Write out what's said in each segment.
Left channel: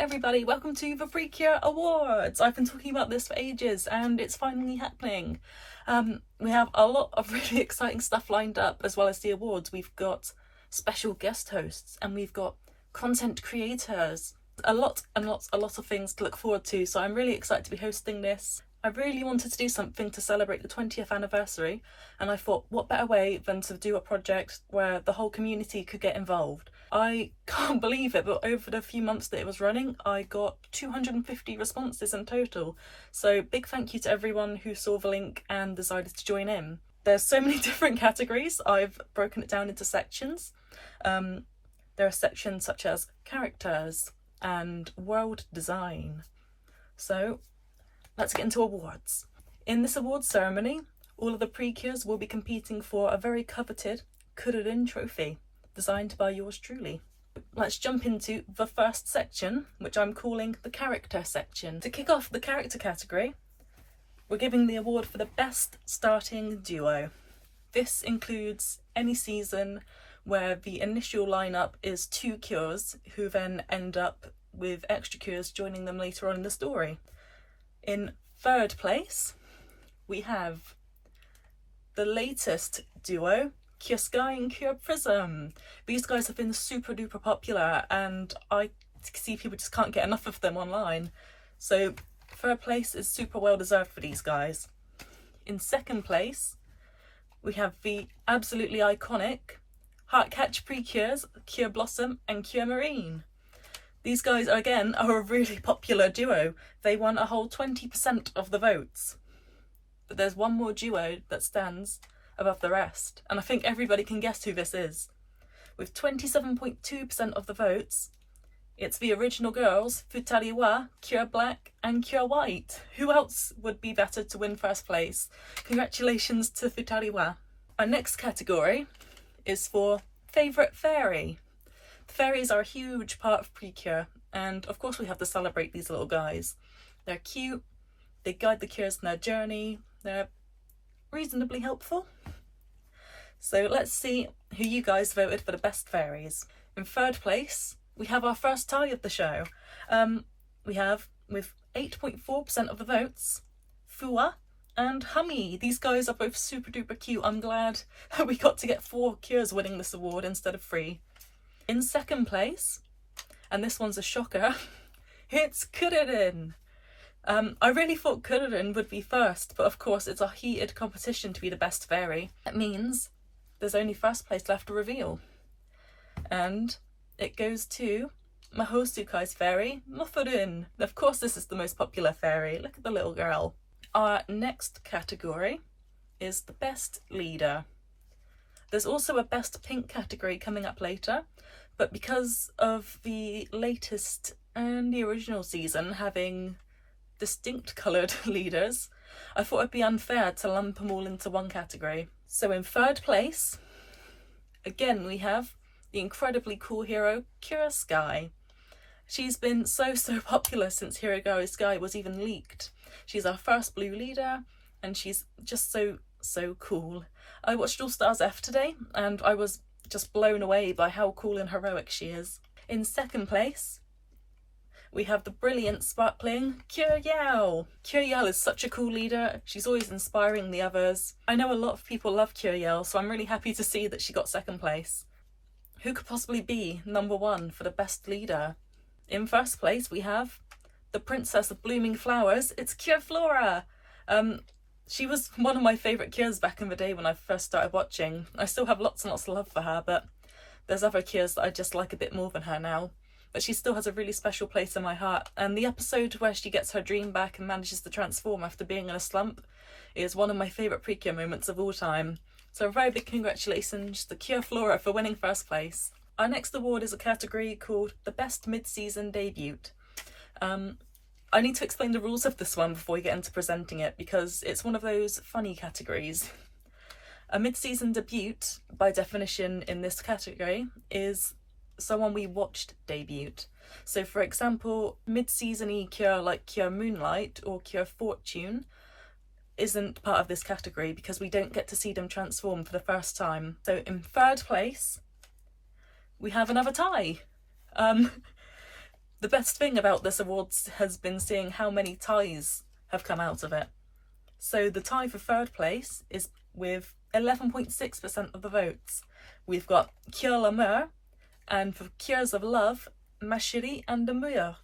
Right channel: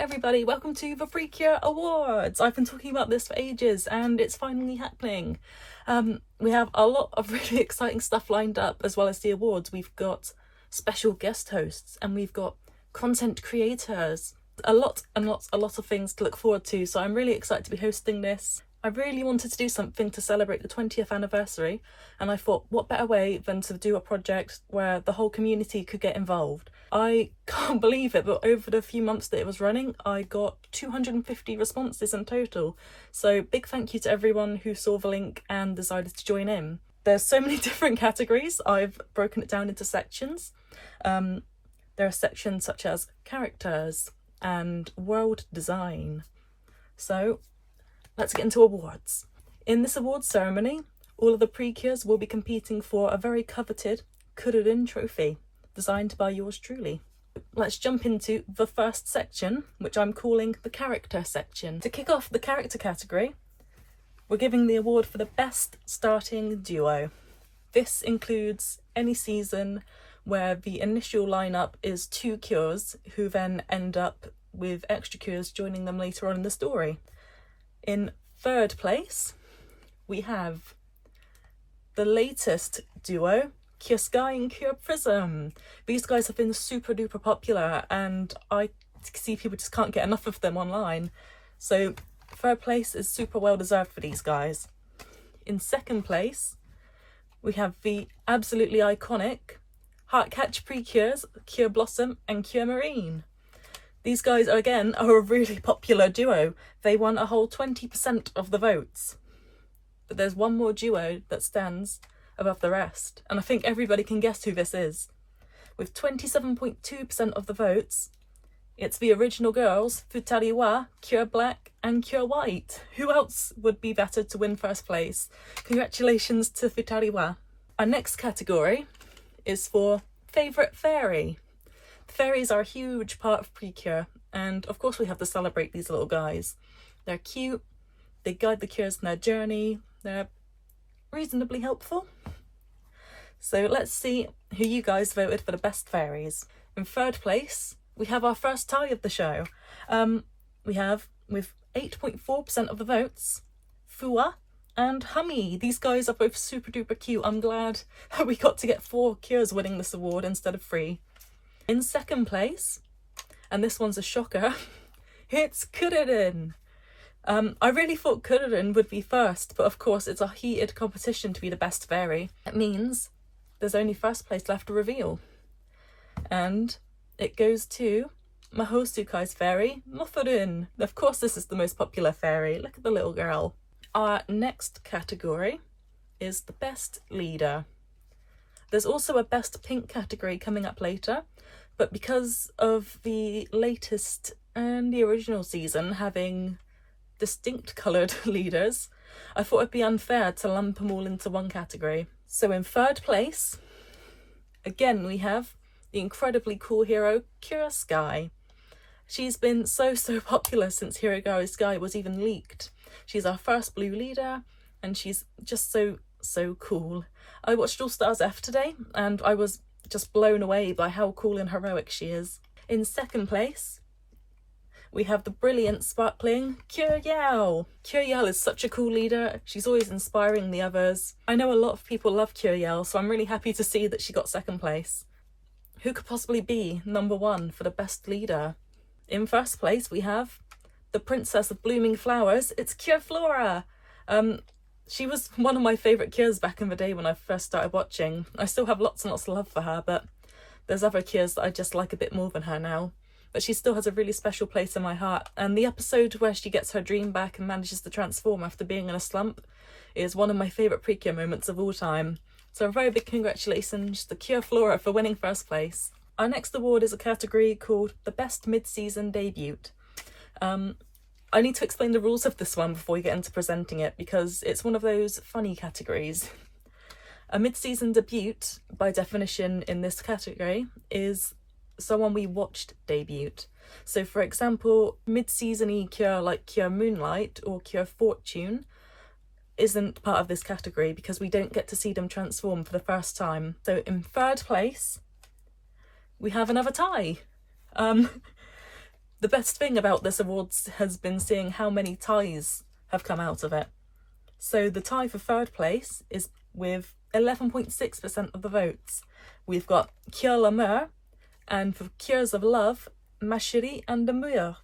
everybody, welcome to the Precure Awards. I've been talking about this for ages and it's finally happening. We have a lot of really exciting stuff lined up as well as the awards. We've got special guest hosts and we've got content creators. A lot of things to look forward to, so I'm really excited to be hosting this. I really wanted to do something to celebrate the 20th anniversary, and I thought what better way than to do a project where the whole community could get involved. I can't believe it, but over the few months that it was running, I got 250 responses in total. So big thank you to everyone who saw the link and decided to join in. There's so many different categories. I've broken it down into sections. There are sections such as characters and world design. So let's get into awards. In this awards ceremony, all of the Precures will be competing for a very coveted Kururin trophy, designed by yours truly. Let's jump into the first section, which I'm calling the character section. To kick off the character category, we're giving the award for the best starting duo. This includes any season where the initial lineup is two cures who then end up with extra cures joining them later on in the story. In third place, we have the latest duo, Cure Sky and Cure Prism. These guys have been super duper popular and I see people just can't get enough of them online. So third place is super well deserved for these guys. In second place, we have the absolutely iconic Heartcatch Precures, Cure Blossom and Cure Marine. These guys, again, are a really popular duo. They won a whole 20% of the votes. But there's one more duo that stands above the rest, and I think everybody can guess who this is. With 27.2% of the votes, it's the original girls, Futari wa, Cure Black and Cure White. Who else would be better to win first place? Congratulations to Futari wa. Our next category is for favourite fairy. Fairies are a huge part of Precure, and of course we have to celebrate these little guys. They're cute, they guide the cures in their journey, they're reasonably helpful. So let's see who you guys voted for the best fairies. In third place, we have our first tie of the show. We have, with 8.4% of the votes, Fua and Hummy. These guys are both super duper cute. I'm glad we got to get 4 cures winning this award instead of 3. In second place, and this one's a shocker, it's Kururin. I really thought Kururin would be first, but of course it's a heated competition to be the best fairy. It means there's only first place left to reveal. And it goes to Mahosukai's fairy, Mothorun. Of course this is the most popular fairy. Look at the little girl. Our next category is the best leader. There's also a best pink category coming up later, but because of the latest and the original season having distinct coloured leaders, I thought it'd be unfair to lump them all into one category. So in third place, again we have the incredibly cool hero Cure Sky. She's been so popular since Hero Gari Sky was even leaked. She's our first blue leader and she's just so cool. I watched All Stars F today and I was just blown away by how cool and heroic she is. In second place, we have the brilliant, sparkling Cure Yao. Cure Yao is such a cool leader. She's always inspiring the others. I know a lot of people love Cure Yao, so I'm really happy to see that she got second place. Who could possibly be number 1 for the best leader? In first place, we have the Princess of Blooming Flowers. It's Cure Flora. She was one of my favourite cures back in the day when I first started watching. I still have lots and lots of love for her, but there's other cures that I just like a bit more than her now. But she still has a really special place in my heart. And the episode where she gets her dream back and manages to transform after being in a slump is one of my favourite Precure moments of all time. So a very big congratulations to Cure Flora for winning first place. Our next award is a category called the Best Mid-Season Debut. I need to explain the rules of this one before we get into presenting it because it's one of those funny categories. A mid-season debut, by definition in this category, is someone we watched debut. So for example, mid-season-y cure like Cure Moonlight or Cure Fortune isn't part of this category because we don't get to see them transform for the first time. So in third place, we have another tie. The best thing about this awards has been seeing how many ties have come out of it. So the tie for third place is with 11.6% of the votes. We've got Cure l'amour, and for Cures of Love, Ma Chérie and Amour.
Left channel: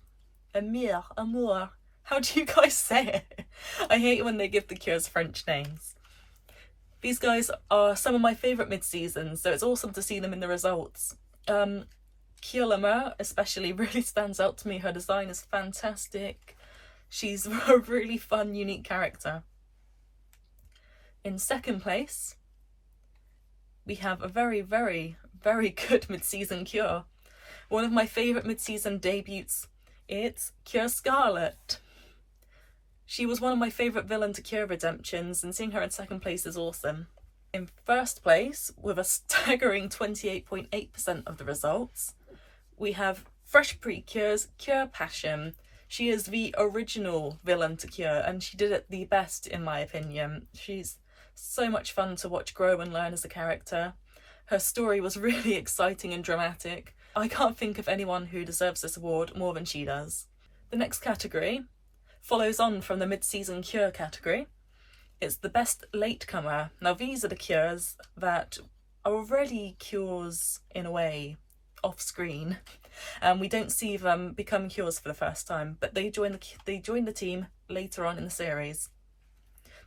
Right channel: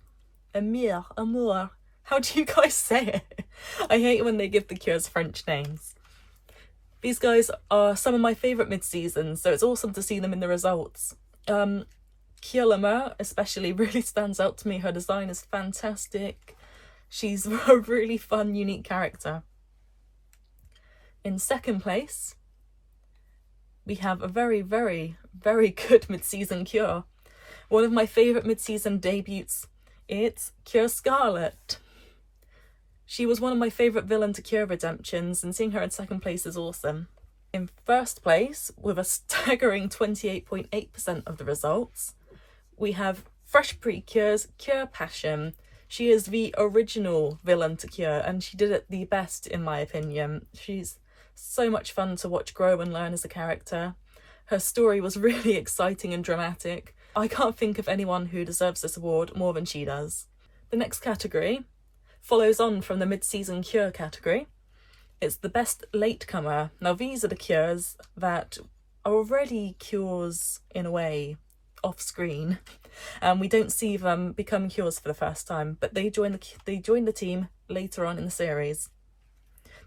Amour. How do you guys say it? I hate when they give the Cures French names. These guys are some of my favourite mid-seasons, so it's awesome to see them in the results. Cure l'amour especially really stands out to me. Her design is fantastic. She's a really fun, unique character. In second place, we have a very, very, very good mid-season Cure. One of my favourite mid-season debuts, it's Cure Scarlet. She was one of my favourite villain to Cure redemptions, and seeing her in second place is awesome. In first place, with a staggering 28.8% of the results, we have Fresh Precure's Cure Passion. She is the original villain to Cure, and she did it the best in my opinion. She's so much fun to watch grow and learn as a character. Her story was really exciting and dramatic. I can't think of anyone who deserves this award more than she does. The next category follows on from the mid-season Cure category. It's the best latecomer. Now these are the Cures that are already Cures in a way, off screen, and we don't see them become Cures for the first time, but they join the team later on in the series.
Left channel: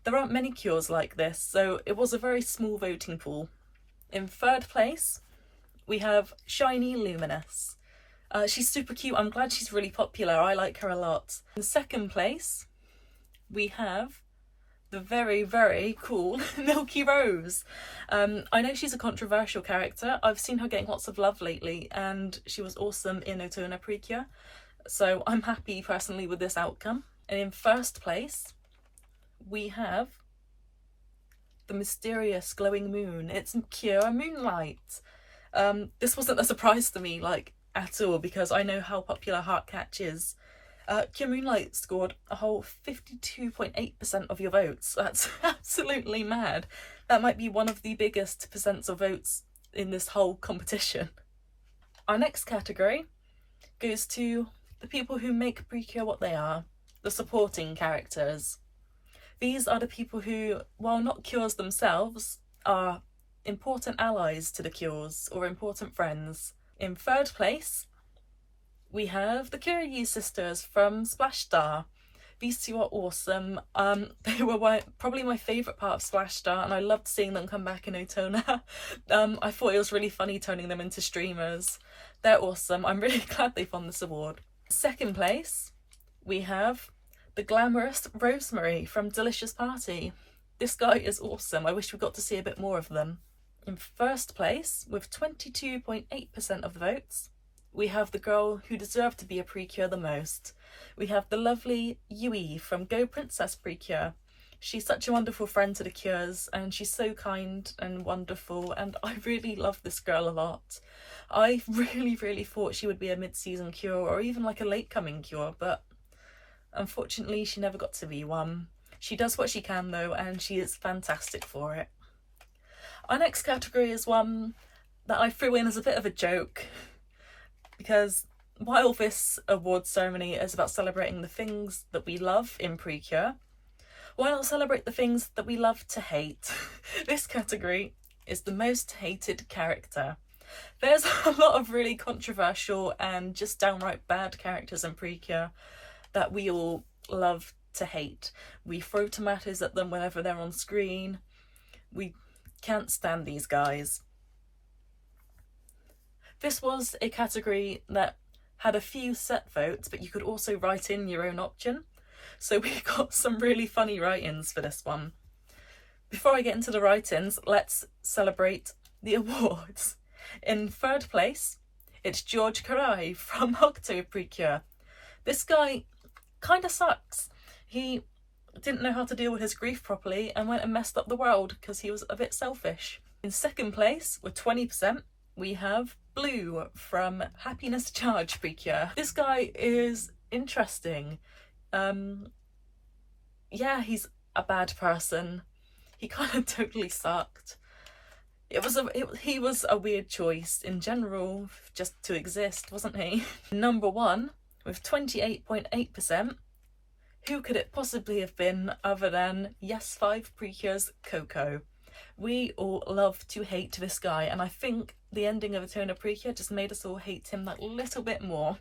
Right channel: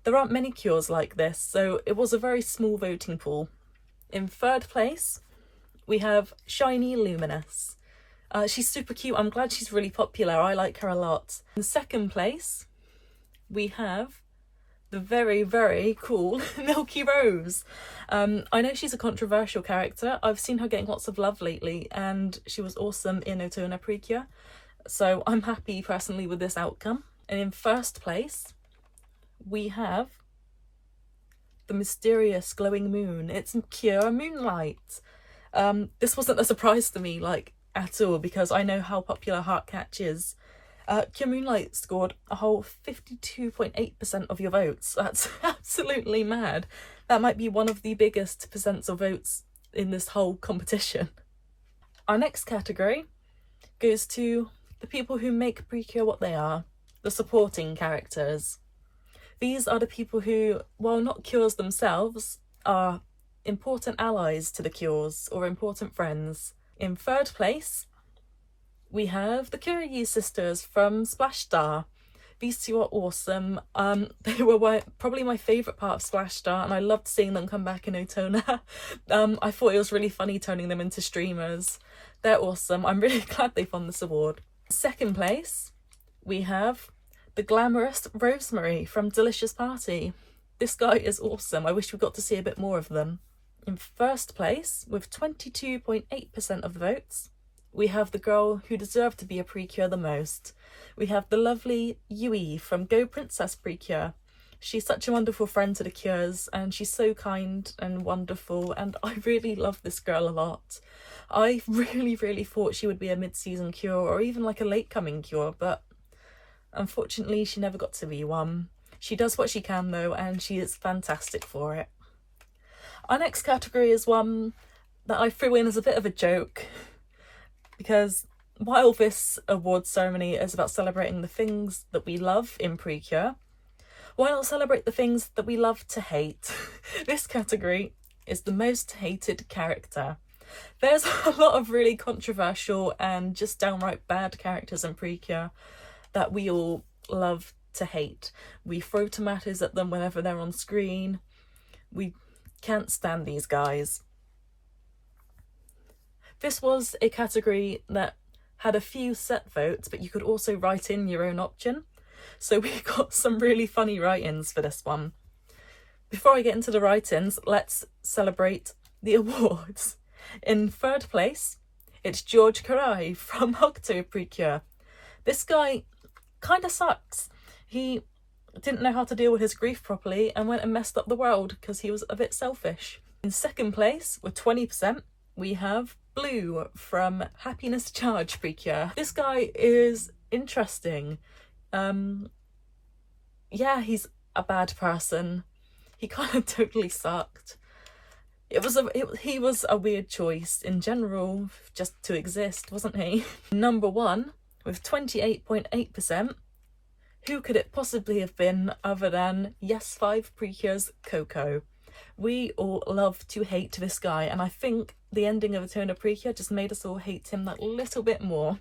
There aren't many Cures like this, so it was a very small voting pool. In third place, we have Shiny Luminous. She's super cute. I'm glad she's really popular. I like her a lot. In second place, we have the very, very cool Milky Rose. I know she's a controversial character. I've seen her getting lots of love lately, and she was awesome in Otona Precure, so I'm happy personally with this outcome. And in first place, we have the mysterious glowing moon. It's Cure Moonlight. This wasn't a surprise to me, like, at all, because I know how popular Heartcatch is. Cure Moonlight scored a whole 52.8% of your votes. That's absolutely mad. That might be one of the biggest percents of votes in this whole competition. Our next category goes to the people who make Precure what they are, the supporting characters. These are the people who, while not Cures themselves, are important allies to the Cures or important friends. In third place, we have the Curie sisters from Splash Star. These two are awesome. They were probably my favourite part of Splash Star, and I loved seeing them come back in Otona. I thought it was really funny turning them into streamers. They're awesome. I'm really glad they've won this award. Second place, we have the glamorous Rosemary from Delicious Party. This guy is awesome. I wish we got to see a bit more of them. In first place, with 22.8% of the votes, we have the girl who deserved to be a Precure the most. We have the lovely Yui from Go Princess Precure. She's such a wonderful friend to the Cures, and she's so kind and wonderful, and I really love this girl a lot. I really, really thought she would be a mid-season Cure or even like a late-coming Cure, but unfortunately she never got to be one. She does what she can though, and she is fantastic for it. Our next category is one that I threw in as a bit of a joke, because while this awards ceremony is about celebrating the things that we love in Precure, why not celebrate the things that we love to hate? This category is the most hated character. There's a lot of really controversial and just downright bad characters in Precure that we all love to hate. We throw tomatoes at them whenever they're on screen. We can't stand these guys. This was a category that had a few set votes, but you could also write in your own option. So we got some really funny write-ins for this one. Before I get into the write-ins, let's celebrate the awards. In third place, it's George Karai from Octo Precure. This guy kind of sucks. He didn't know how to deal with his grief properly and went and messed up the world because he was a bit selfish. In second place, with 20%, we have Blue from Happiness Charge Precure. This guy is interesting. Yeah, he's a bad person. He kind of totally sucked. He was a weird choice in general, just to exist, wasn't he? Number one with 28.8%. Who could it possibly have been other than Yes 5 Precure's Coco? We all love to hate this guy, and I think the ending of Eternal Precure just made us all hate him that little bit more.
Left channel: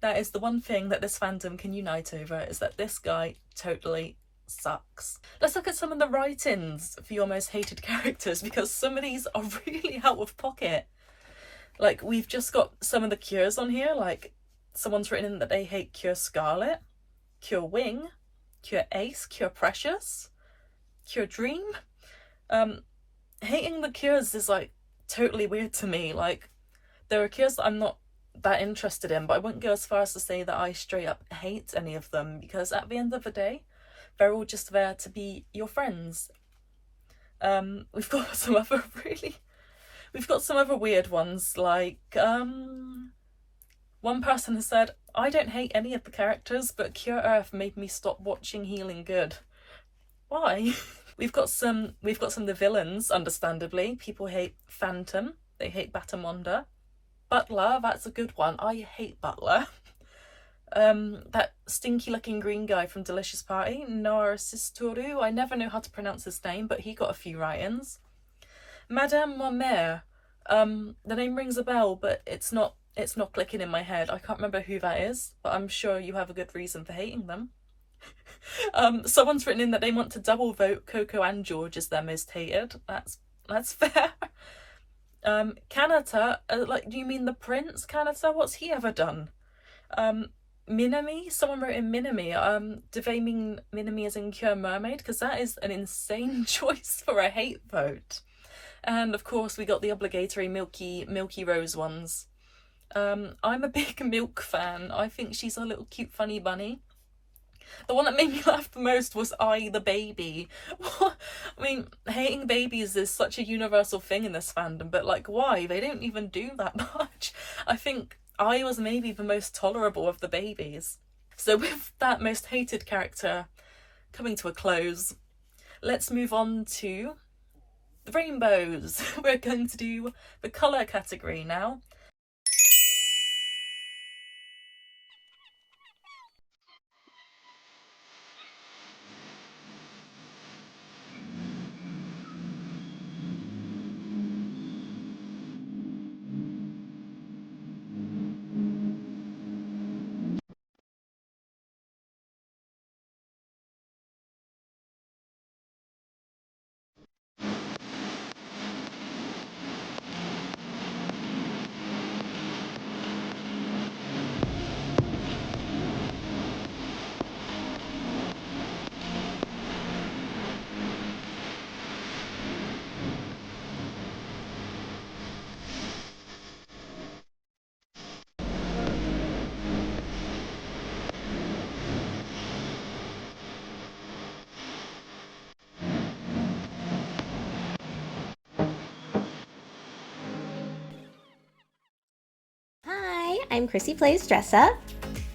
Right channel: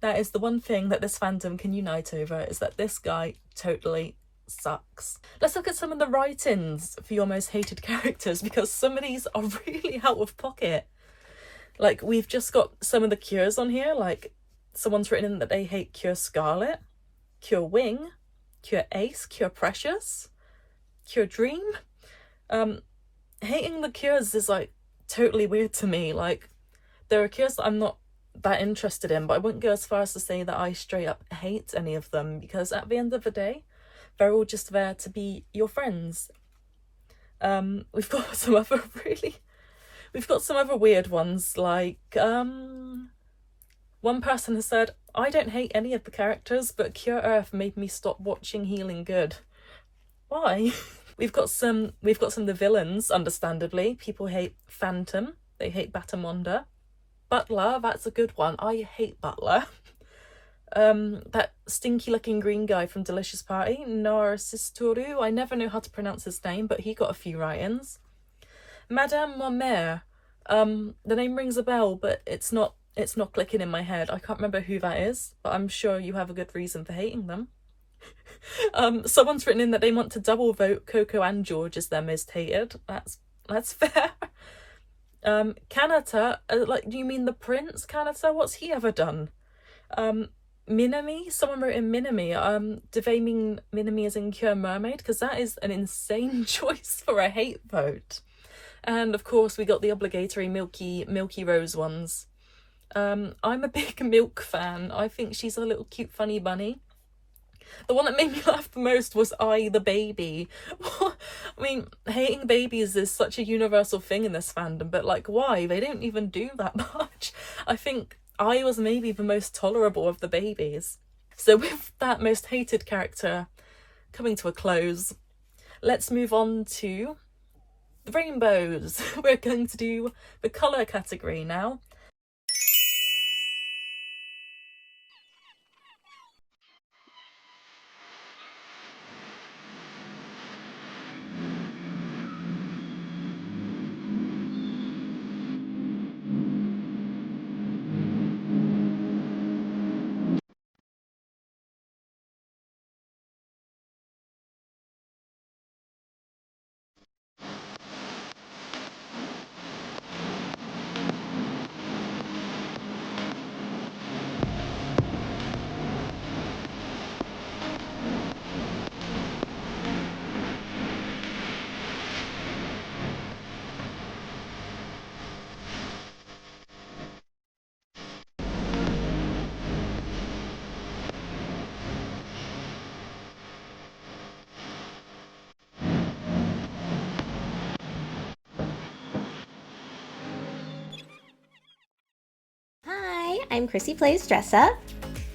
That is the one thing that this fandom can unite over, is that this guy totally sucks. Let's look at some of the write-ins for your most hated characters, because some of these are really out of pocket. Like, we've just got some of the Cures on here, like someone's written in that they hate Cure Scarlet, Cure Wing, Cure Ace, Cure Precious, Cure Dream. Hating the Cures is like totally weird to me. Like, there are Cures that I'm not that interested in, but I wouldn't go as far as to say that I straight up hate any of them, because at the end of the day, they're all just there to be your friends. We've got some other weird ones, like one person has said, I don't hate any of the characters, but Cure Earth made me stop watching Healing Good. Why? We've got some of the villains, understandably. People hate Phantom, they hate Batamonda. Butler, that's a good one. I hate Butler. That stinky looking green guy from Delicious Party, Narcistoru, I never know how to pronounce his name, but he got a few write-ins. Madame Mamère, the name rings a bell, but it's not clicking in my head. I can't remember who that is, but I'm sure you have a good reason for hating them. Someone's written in that they want to double vote Coco and George as their most hated. That's fair. Kanata, like, do you mean the prince Kanata? What's he ever done? Minami, someone wrote in Minami. Do they mean Minami as in Cure Mermaid? Because that is an insane choice for a hate vote. And of course we got the obligatory Milky Rose ones. I'm a big Milk fan. I think she's a little cute funny bunny. The one that made me laugh the most was I, the baby. I mean, hating babies is such a universal thing in this fandom, but like, why? They don't even do that much. I think I was maybe the most tolerable of the babies. So with that most hated character coming to a close, let's move on to the rainbows. We're going to do the colour category now. I'm Chrissy Plays Dress Up.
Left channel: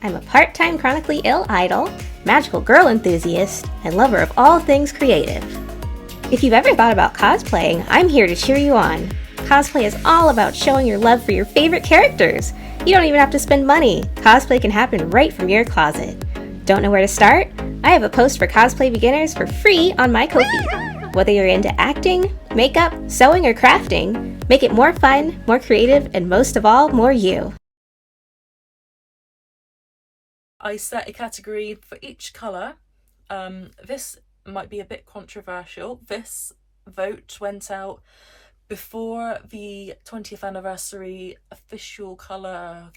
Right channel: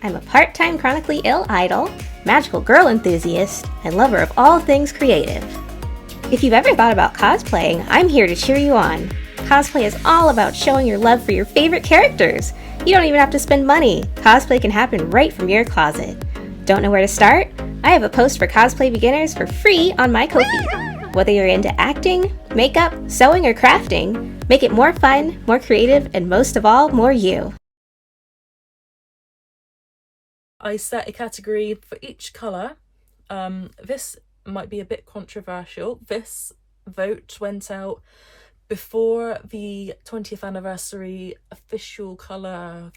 I'm a part-time chronically ill idol, magical girl enthusiast, and lover of all things creative. If you've ever thought about cosplaying, I'm here to cheer you on. Cosplay is all about showing your love for your favorite characters. You don't even have to spend money. Cosplay can happen right from your closet. Don't know where to start? I have a post for cosplay beginners for free on my Ko-fi. Whether you're into acting, makeup, sewing, or crafting, make it more fun, more creative, and most of all, more you. I set a category for each colour. This might be a bit controversial. This vote went out before the 20th anniversary official colour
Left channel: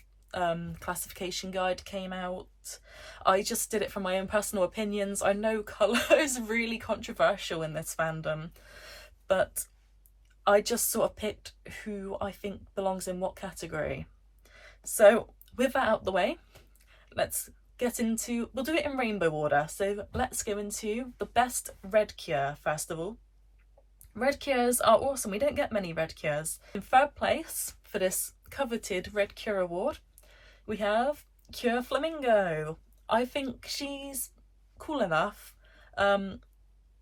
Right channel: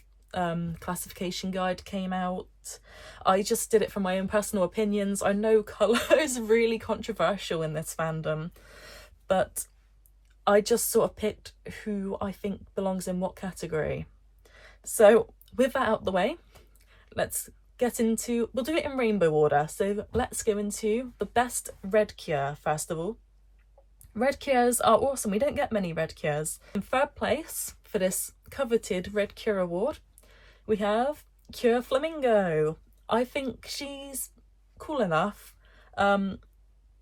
classification guide came out. I just did it from my own personal opinions. I know colour is really controversial in this fandom, but I just sort of picked who I think belongs in what category. So with that out the way, let's get into, we'll do it in rainbow order. So let's go into the best red cure first of all. Red cures are awesome. We don't get many red cures. In third place for this coveted red cure award, we have Cure Flamingo. I think she's cool enough.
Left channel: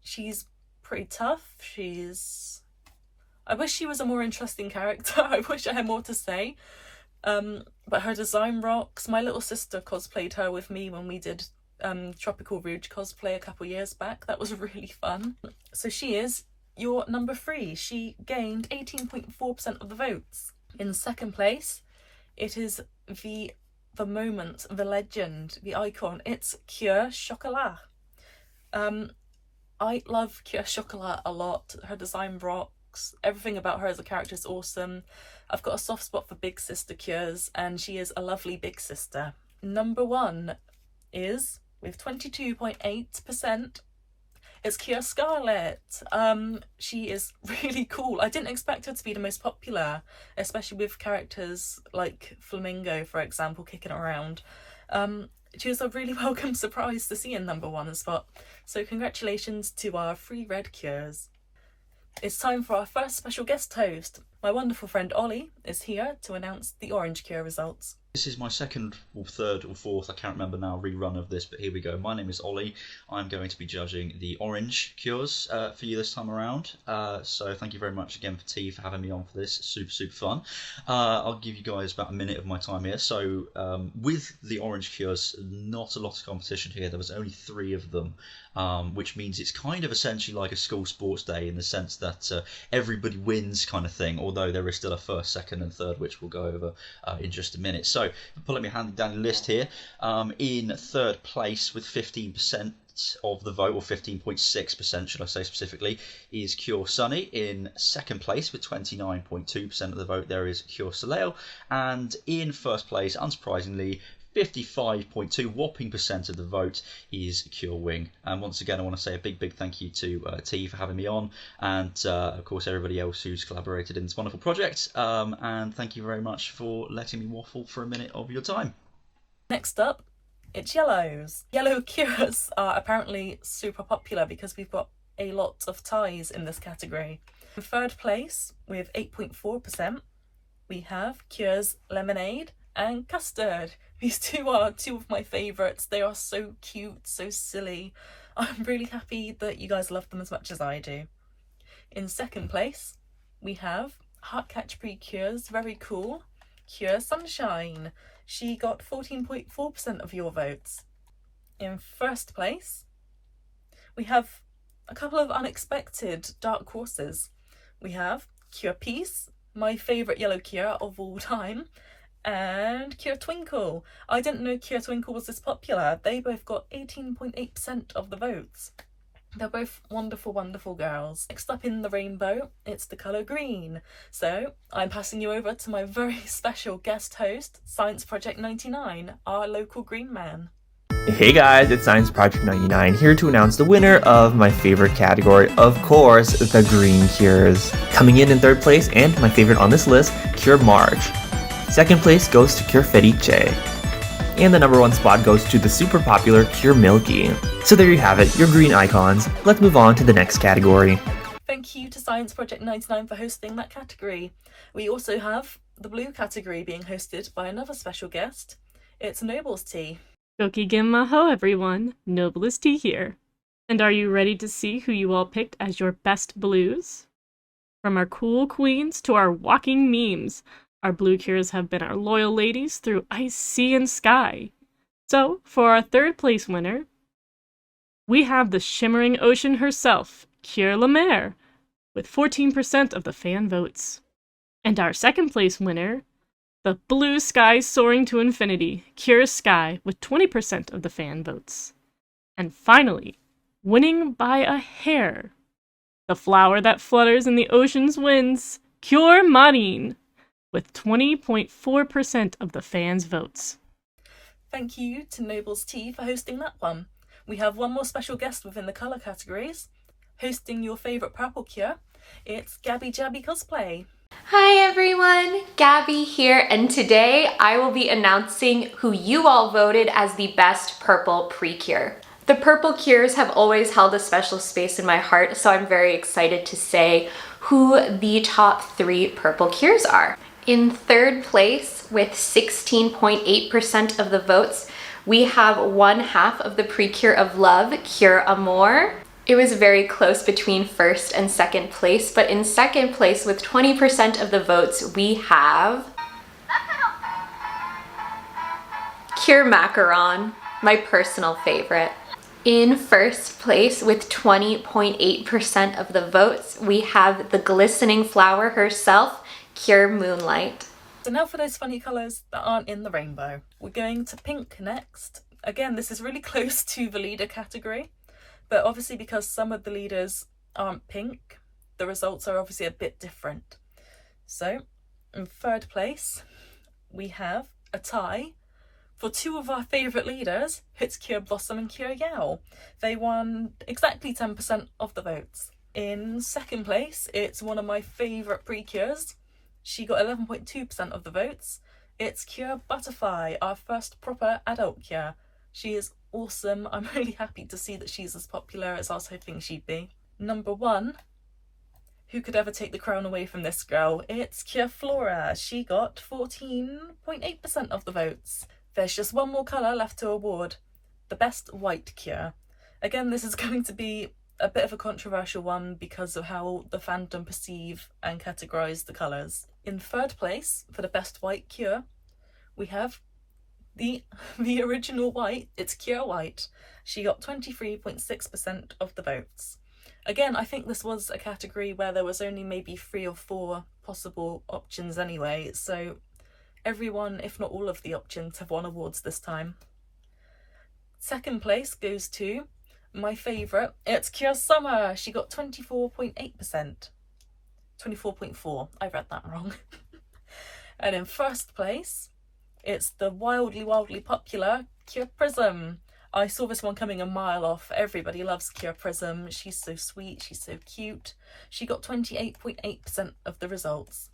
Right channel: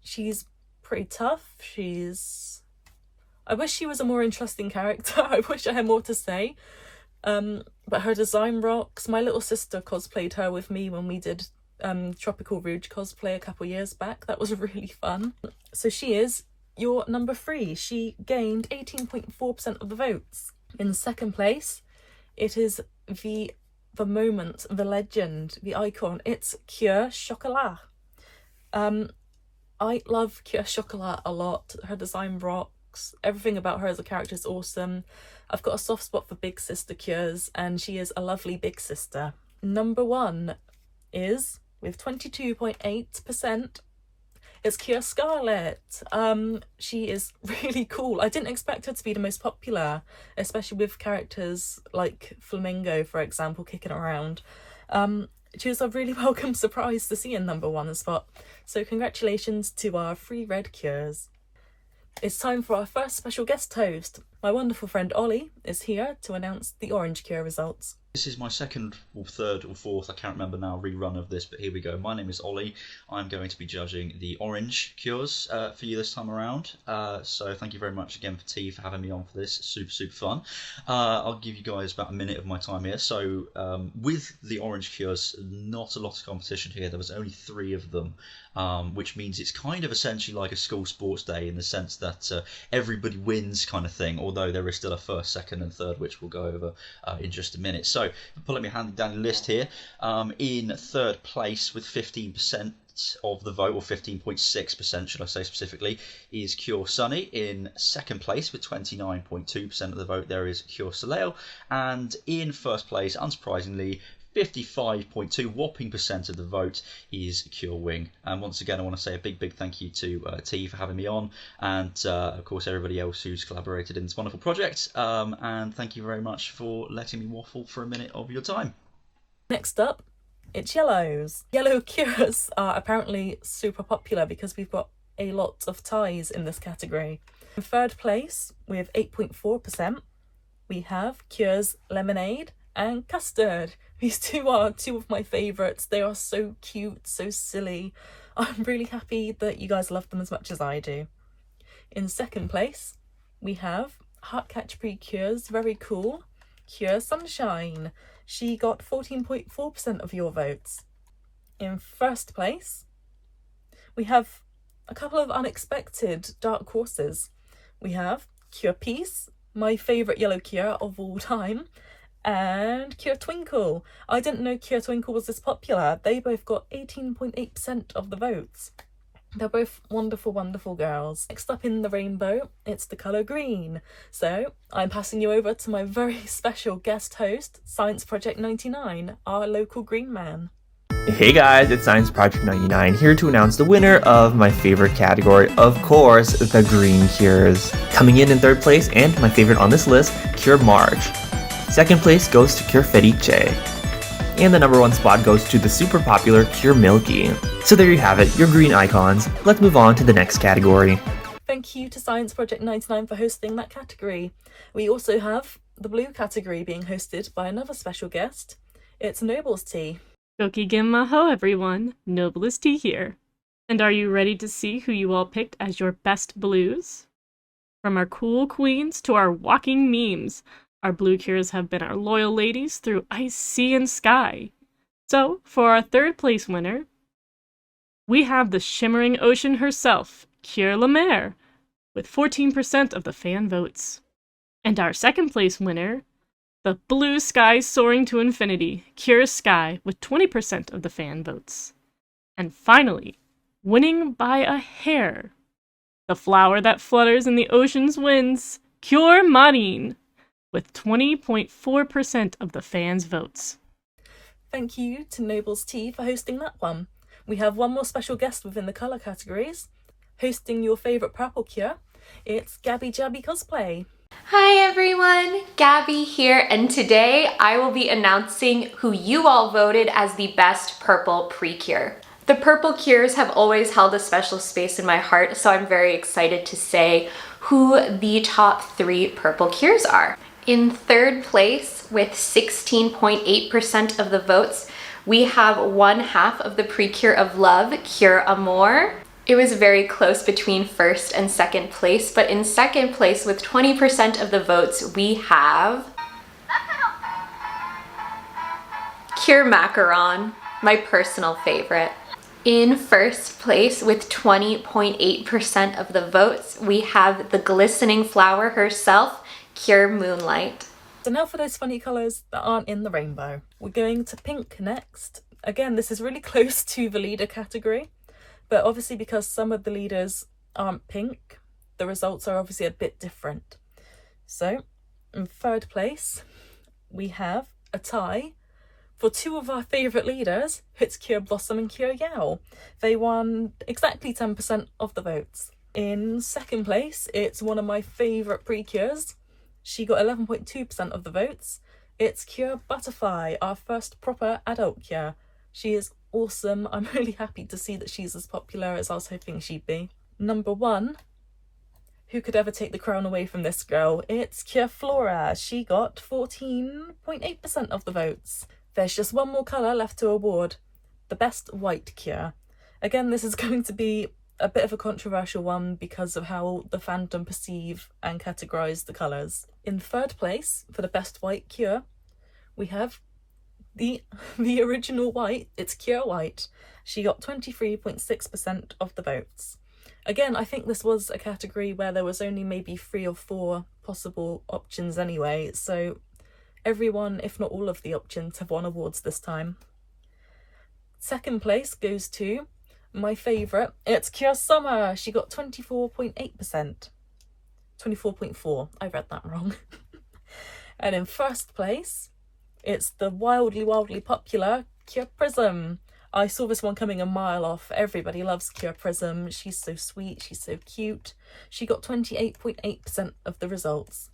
She's pretty tough. I wish she was a more interesting character. I wish I had more to say. But her design rocks. My little sister cosplayed her with me when we did Tropical Rouge cosplay a couple years back. That was really fun. So she is your number 3. She gained 18.4% of the votes. In second place, it is the moment, the legend, the icon. It's Cure Chocolat. I love Cure Chocolat a lot. Her design rocks. Everything about her as a character is awesome. I've got a soft spot for big sister Cures, and she is a lovely big sister. Number 1 is, with 22.8%, it's Cure Scarlet. She is really cool. I didn't expect her to be the most popular, especially with characters like Flamingo, for example, kicking around. She was a really welcome surprise to see in number 1 spot. So congratulations to our 3 red Cures. It's time for our first special guest host. My wonderful friend Ollie is here to announce the orange Cure results. This is my second or third or fourth, I can't remember now, rerun of this, but here we go. My name is Ollie. I'm going to be judging the orange Cures for you this time around. So thank you very much again for T for having me on for this. Super fun. I'll give you guys about a minute of my time here. So with the orange Cures, not a lot of competition here. There was only 3 of them, which means it's kind of essentially like a school sports day in the sense that everybody wins kind of thing, although there is still a first, second and third, which we'll go over in just a minute. So pulling me handy down the list here, in third place with 15% of the vote, or 15.6% should I say specifically, is Cure Sunny. In second place with 29.2% of the vote there is Cure Soleil, and in first place, unsurprisingly, 55.2 whopping percent of the vote is Cure Wing. And once again, I want to say a big thank you to T for having me on, and of course everybody else who's collaborated in this wonderful project. And thank you very much for letting me waffle for a minute of your time. Next up, it's yellows. Yellow Cures are apparently super popular because we've got a lot of ties in this category. In third place, with 8.4%, we have Cures Lemonade and Custard. These 2 are 2 of my favourites. They are so cute, so silly. I'm really happy that you guys love them as much as I do. In second place, we have Heartcatch Precures, very cool, Cure Sunshine. She got 14.4% of your votes. In first place, we have a couple of unexpected dark horses. We have Cure Peace, my favourite yellow Cure of all time, and Cure Twinkle. I didn't know Cure Twinkle was this popular. They both got 18.8% of the votes. They're both wonderful girls. Next up in the rainbow, it's the colour green. So I'm passing you over to my very special guest host, Science Project 99, our local green man. Hey guys, it's Science Project 99 here to announce the winner of my favorite category, of course, the Green Cures. Coming in third place, and my favorite on this list, Cure Marge. Second place goes to Cure Felice. And the number 1 spot goes to the super popular Cure Milky. So there you have it, your green icons. Let's move on to the next category. Thank you to Science Project 99 for hosting that category. We also have the blue category being hosted by another special guest. It's Noble's Tea. Gokigen Maho, everyone. Noblest Tea here. And are you ready to see who you all picked as your best blues? From our cool queens to our walking memes, our blue Cures have been our loyal ladies through ice, sea, and sky. So, for our third place winner, we have the shimmering ocean herself, Cure La Mer, with 14% of the fan votes. And our second place winner, the blue sky soaring to infinity, Cure Sky, with 20% of the fan votes. And finally, winning by a hair, the flower that flutters in the ocean's winds, Cure Marine, with 20.4% of the fans' votes. Thank you to Noble's Tea for hosting that one. We have one more special guest within the colour categories. Hosting your favourite purple Cure, it's Gabby Jabby Cosplay. Hi everyone, Gabby here, and today I will be announcing who you all voted as the best purple Precure. The purple Cures have always held a special space in my heart, so I'm very excited to say who the top 3 purple Cures are. In third place, with 16.8% of the votes, we have 1/2 of the Precure of Love, Cure Amour. It was very close between first and second place, but in second place with 20% of the votes, we have Cure Macaron, my personal favorite. In first place with 20.8% of the votes, we have the glistening flower herself, Cure Moonlight. So now for those funny colours that aren't in the rainbow. We're going to pink next. Again, this is really close to the leader category, but obviously because some of the leaders aren't pink, the results are obviously a bit different. So in third place, we have a tie for two of our favourite leaders. It's Cure Blossom and Cure Yao. They won exactly 10% of the votes. In second place, it's one of my favourite Precures. She got 11.2% of the votes. It's Cure Butterfly, our first proper adult Cure. She is awesome. I'm really happy to see that she's as popular as I was hoping she'd be. Number one, who could ever take the crown away from this girl? It's Cure Flora. She got 14.8% of the votes. There's just one more colour left to award, the best white Cure. Again, this is going to be a bit of a controversial one because of how the fandom perceive and categorise the colours. In third place, for the best white Cure, we have the original white. It's Cure White. She got 23.6% of the votes. Again, I think this was a category where there was only maybe 3 or 4 possible options anyway, so everyone, if not all of the options, have won awards this time. Second place goes to my favourite. It's Cure Summer. She got 24.8%. 24.4. I read that wrong. And in first place, it's the wildly popular Cure Prism. I saw this one coming a mile off. Everybody loves Cure Prism. She's so sweet. She's so cute. She got 28.8% of the results.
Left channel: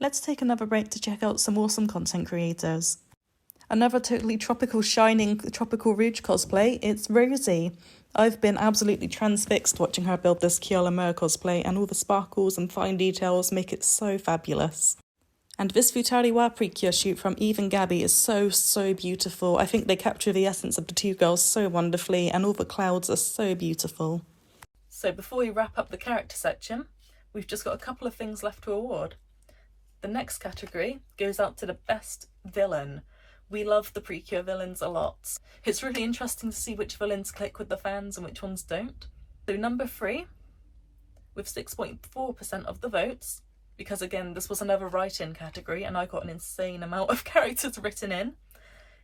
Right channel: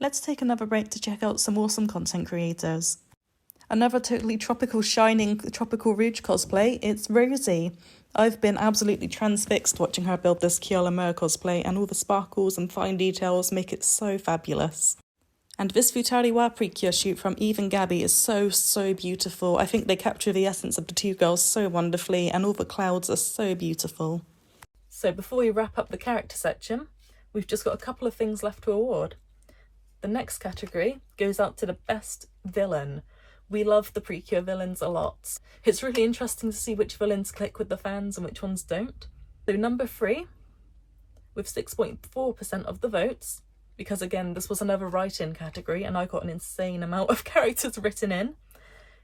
Let's take another break to check out some awesome content creators. Another totally tropical shining Tropical Rouge cosplay, it's Rosie. I've been absolutely transfixed watching her build this Kyola Mer cosplay, and all the sparkles and fine details make it so fabulous. And this Futariwa Precure shoot from Eve and Gabby is so beautiful. I think they capture the essence of the two girls so wonderfully, and all the clouds are so beautiful. So before we wrap up the character section, we've just got a couple of things left to award. The next category goes out to the best villain. We love the Precure villains a lot. It's really interesting to see which villains click with the fans and which ones don't. So number 3, with 6.4% of the votes, because again, this was another write-in category and I got an insane amount of characters written in,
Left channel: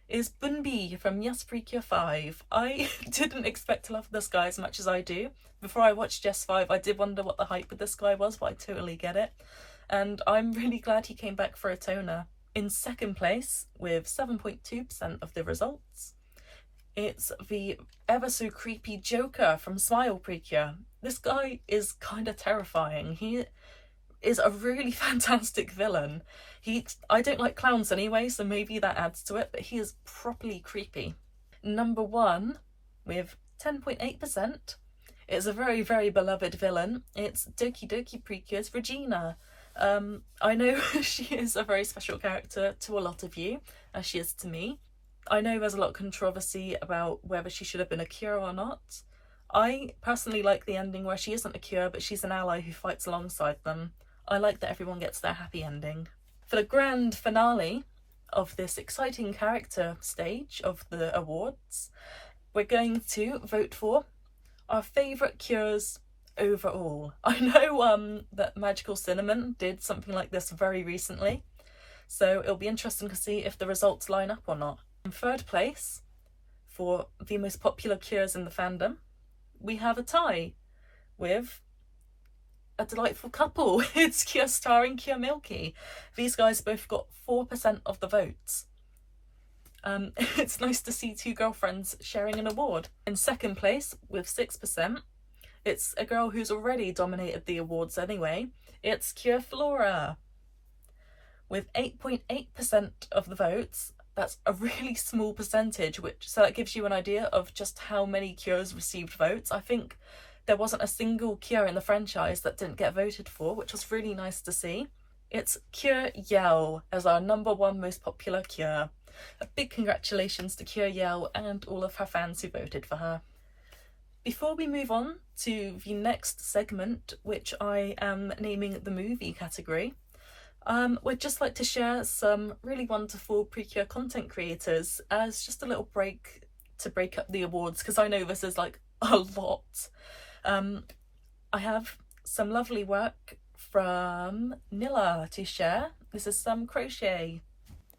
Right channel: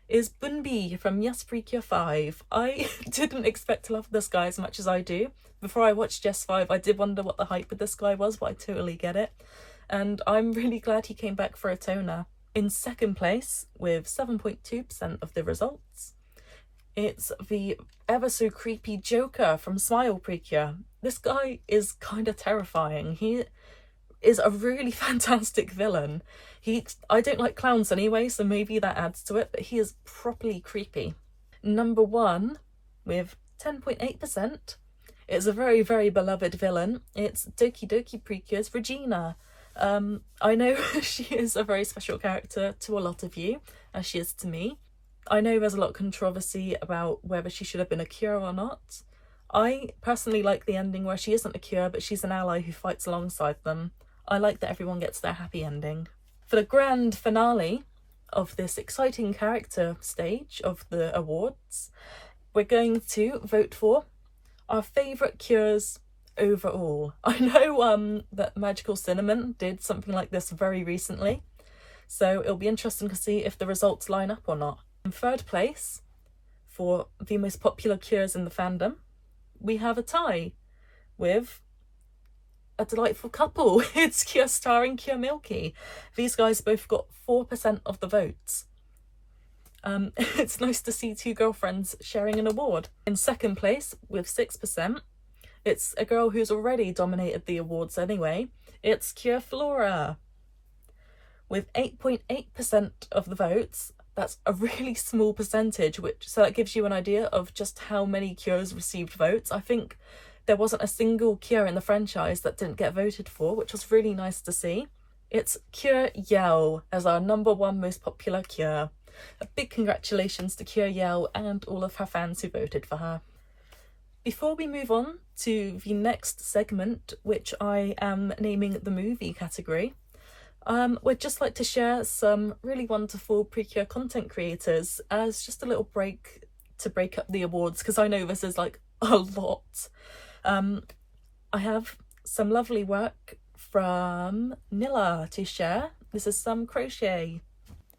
is Bunbi from Yes Precure 5. I didn't expect to love this guy as much as I do. Before I watched Yes 5, I did wonder what the hype with this guy was, but I totally get it. And I'm really glad he came back for a toner. In second place, with 7.2% of the results, it's the ever so creepy Joker from Smile Precure. This guy is kind of terrifying. He is a really fantastic villain. I don't like clowns anyway, so maybe that adds to it, but he is properly creepy. Number 1, with 10.8%, is a very beloved villain. It's Doki Doki Precure's Regina. I know she is a very special character to a lot of you, as she is to me. I know there's a lot of controversy about whether she should have been a Cure or not. I personally like the ending where she isn't a Cure, but she's an ally who fights alongside them. I like that everyone gets their happy ending. For the grand finale of this exciting character stage of the awards, we're going to vote for our favourite Cures overall. I know that Magical Cinnamon did something like this very recently, so it'll be interesting to see if the results line up or not. In third place, for the most popular Cures in the fandom, we have a tie with a delightful couple. It's Cure Star and Cure Milky. These guys both got 4% of the votes. It's nice to see two girlfriends sharing an award. In second place, with 6%, it's a girl who's already dominated the awards anyway. It's Cure Flora. With 8.8% of the votes, that's a really small percentage, so that gives you an idea of just how many Cures received votes. I think there wasn't a single Cure in the franchise that didn't get voted for, which was really nice to see. It's Cure Yao as our number 1 most popular Cure. A big congratulations to Cure Yao and all of her fans who voted for her. Before we move on to the next segment, which I am naming the movie category, We'd just like to share some really wonderful Precure content creators as just a little break to break up the awards, because I know this is like a lot. I have some lovely work from Nilla to share. This is some crochet.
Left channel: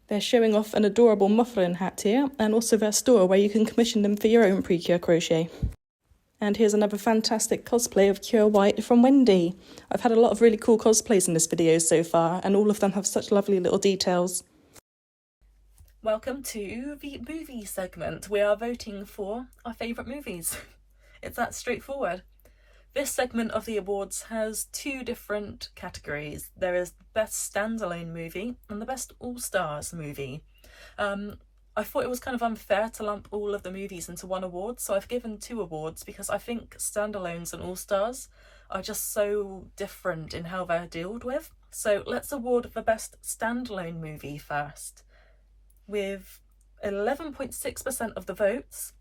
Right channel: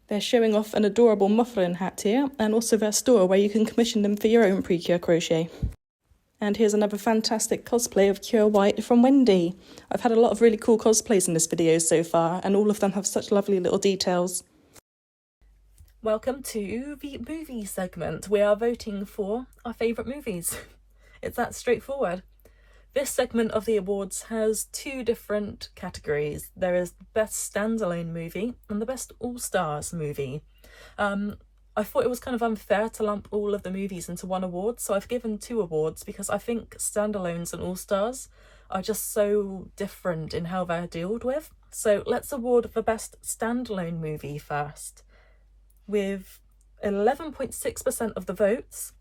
They're showing off an adorable muffin hat here, and also their store where you can commission them for your own Precure crochet. And here's another fantastic cosplay of Cure White from Wendy. I've had a lot of really cool cosplays in this video so far, and all of them have such lovely little details. Welcome to the movie segment. We are voting for our favourite movies. It's that straightforward. This segment of the awards has two different categories. There is the Best Standalone Movie and the Best All-Stars Movie. I thought it was kind of unfair to lump all of the movies into one award, so I've given 2 awards because I think standalones and all-stars are just so different in how they're dealt with. So let's award the Best Standalone Movie first. With 11.6% of the votes,